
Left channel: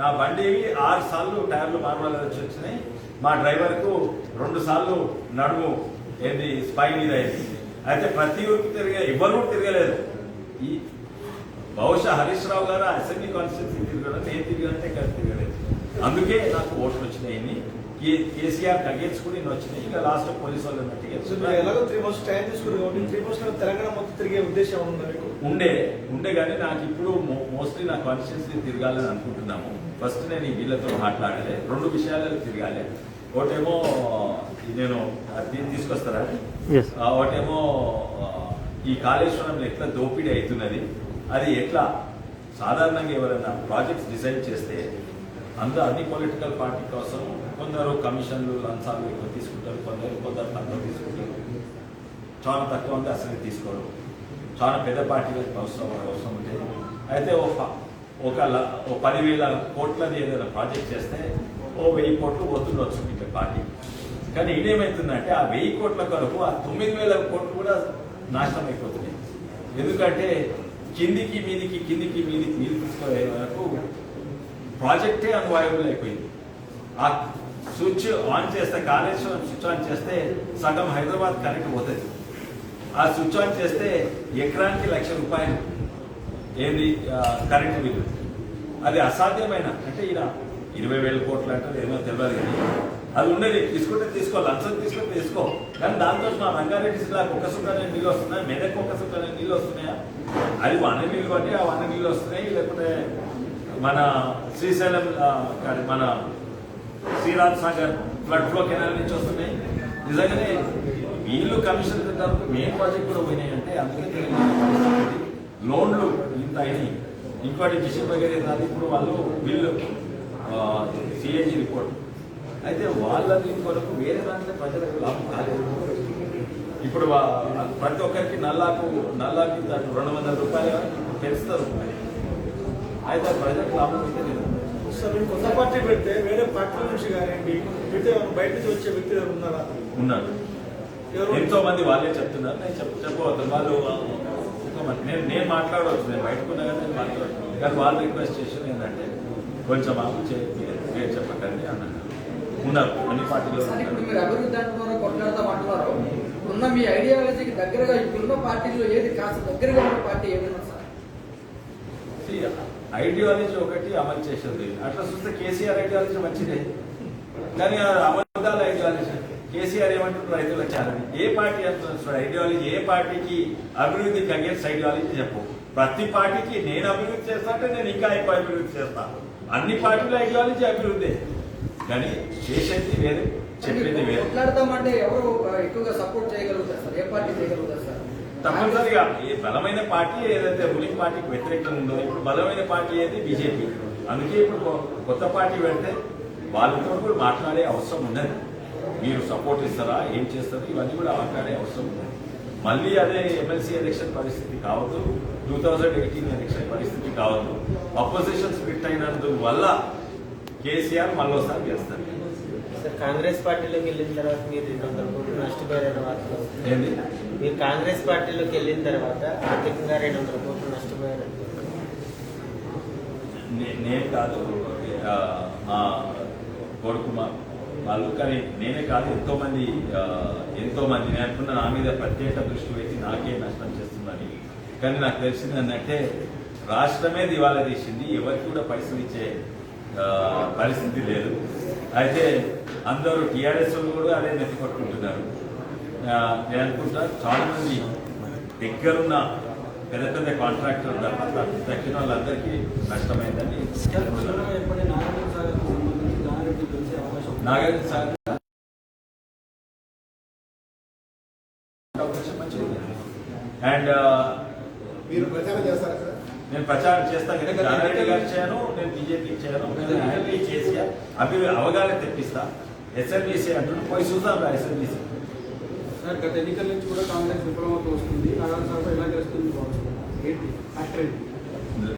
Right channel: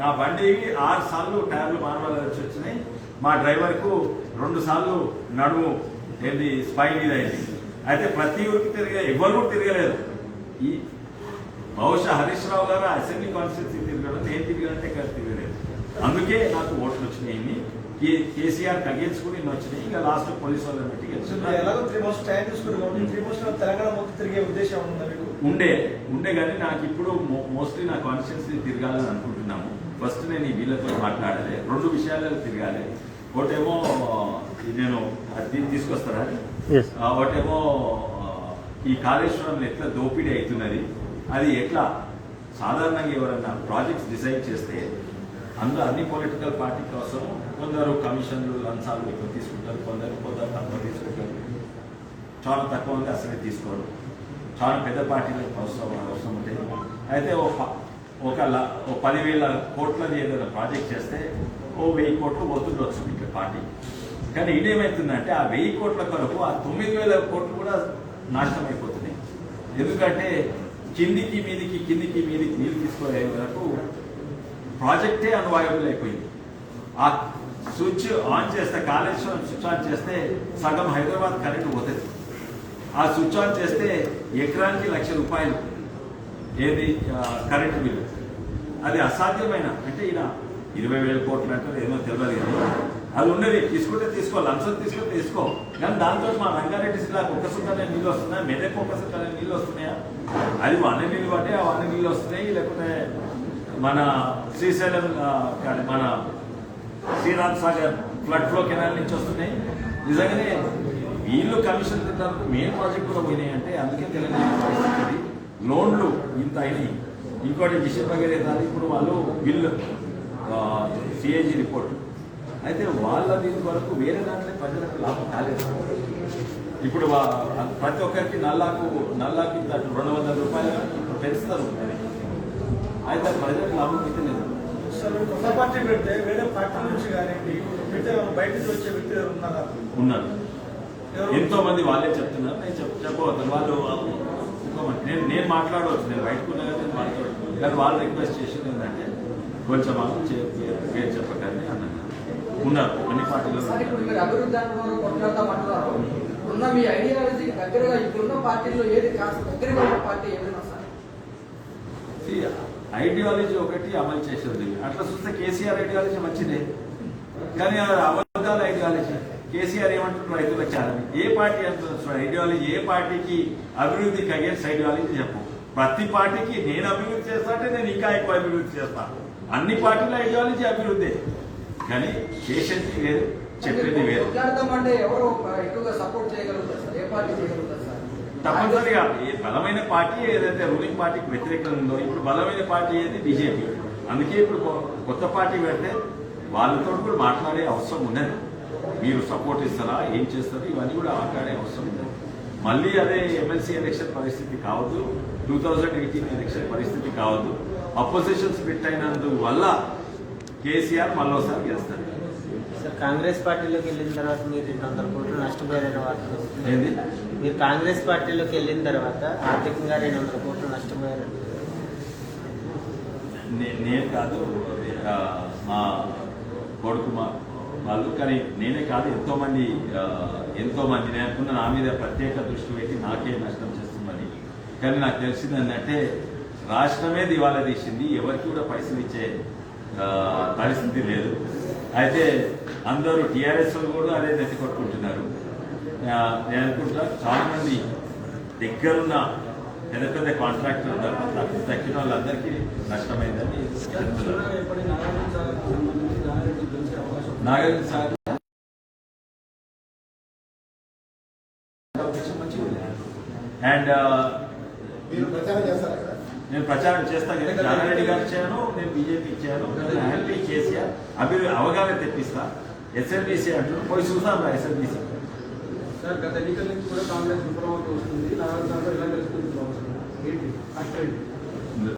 నా బండి 6 సార్లు టైర్లు మార్మాల్సి వచ్చినాయి. మా డ్రైవర్ కు 2 సార్లు నడుము ఏది స్పైన్ మీద అయింది. అయితే ప్రతి ఊరికి ఎవరు తిరగలేదు. ఈ బహుశా హరీష్ రావు గారు అసెంబ్లీ కాన్స్టిట్యూన్సీ తిరగడం, నేను తిరిగినంటే ఇక్కడ తిరగలేదు. అందుకే నాకు ఓట్లు వచ్చినాయి. కేసీఆర్ తగ్గించుకుని వచ్చినాయి. ఇంకా లాస్ట్ పోలీసు వాళ్ళని బట్టి తెలంగాణ మొత్తం తిరిగే ఉద్దేశం ఉండే కానీ నాకు ఇప్పుడు మోస్ట్లీ నా కాన్స్టిట్యూన్సీ తిరగాలని అనుకుంటున్నాము. ఫస్ట్ నేను వీళ్ళతో మాట్లాడాలి, 2 విషయాలలో తిరగాలి. ఒకటేమో నేను తీసుకొస్తారా, ఒకటేమో ఈ కాళేశ్వరంలో ఎట్లా దోపిడీ అవుతున్నది, అది ఎట్లా సాధారణంగా ఎవరైనా ప్రాజెక్ట్స్ డిజైన్ చేస్తే అందులో అన్ని పొలిటికల్ పార్టీ కోసం కొందరు కమిషన్లు లంచాలు ఎక్కువ తీసుకుంటారు, కొందరు తక్కువ తీసుకుంటారు, చాలా తక్కువ ఉంటే అసలే తీసుకోరు. చాలా పెద్ద పార్టీలకు అవసరం ఉంటాయి. అయితే ఒక 10,000 కోట్లది ఏదైనా ప్రాజెక్ట్ చేస్తే 1000 కోట్లు పోతుండొచ్చు ఇక్కడ పార్టీ. కానీ ఇదేమవుతుందంటే ఆ 1000 కోట్ల కొరకు ఆ 9,000 కోట్లు కూడా నాశనం అయిపోతున్నాయి. ఎందుకంటే కిందికి మీదికి నీళ్ళు తీసుకునే వరకు ప్రాజెక్టే అన్వయబుల్ అయిపోయింది. ఆ స్విచ్ ఆన్ చేస్తే, కాళేశ్వరం స్విచ్ ఆన్ చేస్తే సగం హైదరాబాద్ కరెంట్ పోతుంది. ఆ స్విచ్ ఆన్ చేస్తే ఎకరానికి ₹1,00,000 ఏది కరెంటు బిల్లు. అది అసాధ్యమైన, అంటే ఈయన 20,000 కోట్లు అంటారు, ఏమో తెలియదు కానీ అది ఉండేది. తీసుకుంటే తీసుకో, లంచం తీసుకుంటే తీసుకో. కానీ దాంతో మా రంగారెడ్డి జిల్లాకు 1 సుందర నీళ్ళు వస్తున్నాయా, మెదక్ 1 సుందర నీళ్ళు వస్తున్నాయా? అది 1 నీళ్ళు పట్టే ఆ 1 నీళ్ళు వస్తున్నాయి. లేకపోతే మన శ్రీశైలం మన Sriram Sagar flood flow canal నుంచి వస్తున్నాయి. నిజంగానే వీళ్ళు కమిషన్ తింటారు, మెయిన్ ప్రాజెక్ట్ కూడా పోయినాయి. అంటే అందుకే తెలియదు లోన్లు ఇంత అయినాయి. ఇంకోటి మిషన్ వగేరే కాదు, ఇప్పుడు వాళ్ళు బిల్లు సిఏజీ రిపోర్ట్ అయితే వాళ్ళ దీని వరకు వేరే దాంట్లో ప్రజలకు లాభం కాలేదు. ఇప్పుడు ప్రతి ఒక్కరికి నల్లాకి ₹200 పెంచుతారు. అయితే ప్రజలకు లాభం అయితే లేదు. సార్ మీరు కొత్త పార్టీ పెడితే వేరే పార్టీ నుంచి కానీ పెడితే బయట నుంచి వచ్చే వ్యక్తులు ఉన్నారా? ఉన్నారు ఎవరు? ఎంతో మంది వాళ్ళే చెప్తున్నారు. నేను చెప్పవద్దు వాళ్ళు నేను మాట్లాడవచ్చు, నేను బయటకు ఉన్నా కానీ నేను మాట్లాడవచ్చు. కానీ వాళ్ళు రిక్వెస్ట్ చేసేది ఏంటంటే కొంచెం పేరు చెప్పకండి అన్నారు. ఉన్నారు అన్ని పార్టీలో సార్, ఇప్పుడు మీరు అభివృద్ధి అనుభవం కొట్లాడతామంటున్నారు. ఇప్పుడున్న మీ ఐడియాలజీకి దగ్గరగా ఇప్పుడున్న పార్టీలో ఏది కాస్త దగ్గరగా ఉన్న పార్టీ ఏమైనా సార్? ఐడియాలజీ ఒకటి అమలు చేసేది. అట్లా చూస్తే కేసీఆర్ ఐడియాలజీ మంచిదే, కానీ అబద్ధాల ఐడియాలజీ. కేసీఆర్ ఏమంటున్నారు రైతుల ఛానల్ ఏ పార్టీ అంటున్నారు ఐడియాలజీ? ఏ పార్టీకి అభివృద్ధికి అగేన్స్ ఐడియాలజీ చెప్పు. ప్రతి పార్టీకి నేను అభివృద్ధి చేస్తా అంటే నేను ఇంకా ఎక్కువ అభివృద్ధి చేస్తాను. అన్ని పార్టీల ఐడియాలజీ అభివృద్ధి, కానీ చేసేది వేరు, చెప్పింది వేరు. కొట్లాడతామంటే ఎవరు ఎక్కువగా సపోర్ట్ చేయగలుగుతారు సార్? ఏ పార్టీ చేయగలుగుతారు సార్? తప్పనిసరిగా ఏ బలమైన పార్టీ ఏదైతే రూలింగ్ పార్టీకి వ్యతిరేకంగా ఉందో, ఇప్పుడు బలమైన పార్టీ ఏది బీజేపీ. అందుకే ఇప్పుడు కొత్త పార్టీ పెడితే వాళ్ళతో కూడా మాట్లాడే అవసరం ఉన్నది. మీరు సపోర్ట్ ఇస్తారా, ఏం చేస్తారా, ఇవన్నీ కూడా మాట్లాడే అవసరం ఉన్నది. మళ్ళీ అదే ఎమ్మెల్సీ ఎలక్షన్ పరిస్థితి కావద్దు, 2018 ఎలక్షన్ పరిస్థితి కావద్దు. అపోజిషన్ స్ప్లిట్ అయినందువల్ల కేసీఆర్ మరోసారి చేస్తారు. సార్, కాంగ్రెస్ పార్టీలోకి వెళ్ళిన తర్వాత మీరు 200 కోట్లు నష్టపోయారని వార్తలు వస్తున్నాయి. ఏంది మీరు కాంగ్రెస్ పార్టీలోకి వెళ్ళిన తర్వాత ఆర్థికంగా 200 కోట్లు నష్టపోయారని. నేను కాదు, మా కొడుకు వాళ్ళు, కానీ నేనే కాదు ఎంతో మంది నేను అనుకున్న నా మీద ప్రత్యేక దృష్టి పెట్టి నాకే నష్టం చేస్తుందని. కానీ నాకు తెలిసింది ఏంటంటే రాష్ట్రమే దివాలా తీసింది, ఎవరికి కూడా పైసలు ఇచ్చే పరిస్థితి లేదు. అయితే అందరూ టీఆర్ఎస్ కూడా అదే నెత్తి కొట్టుకుంటున్నారు. నేను అనుకుంటా చాలా మంది దగ్గరున్న పెద్ద పెద్ద కాంట్రాక్టర్ ఉన్నారు, తక్కిన వాళ్ళందరికీ నష్టమైందని. నాగార్జున సార్ అండ్ మీరు ప్రచారం చేస్తారా సార్? నేను ప్రచారం చేస్తాను కదా, జానారెడ్డి గారికి చేయను, నేను బీజేపీకి చేయను, హ్యాపీ కేసీఆర్ అవగాహన తెప్పిస్తా. ఎస్ఎంబీసీ అంటున్నాను, పోయి చూస్తాను నా ఎస్ఎంబీసీ. సార్, గత ఎన్నికల నుంచి కూడా కాంగ్రెస్ విఫలమవుతూ వస్తుంది. నాగార్జున సార్ ఎలా తెలుస్తుంది? ఏంటి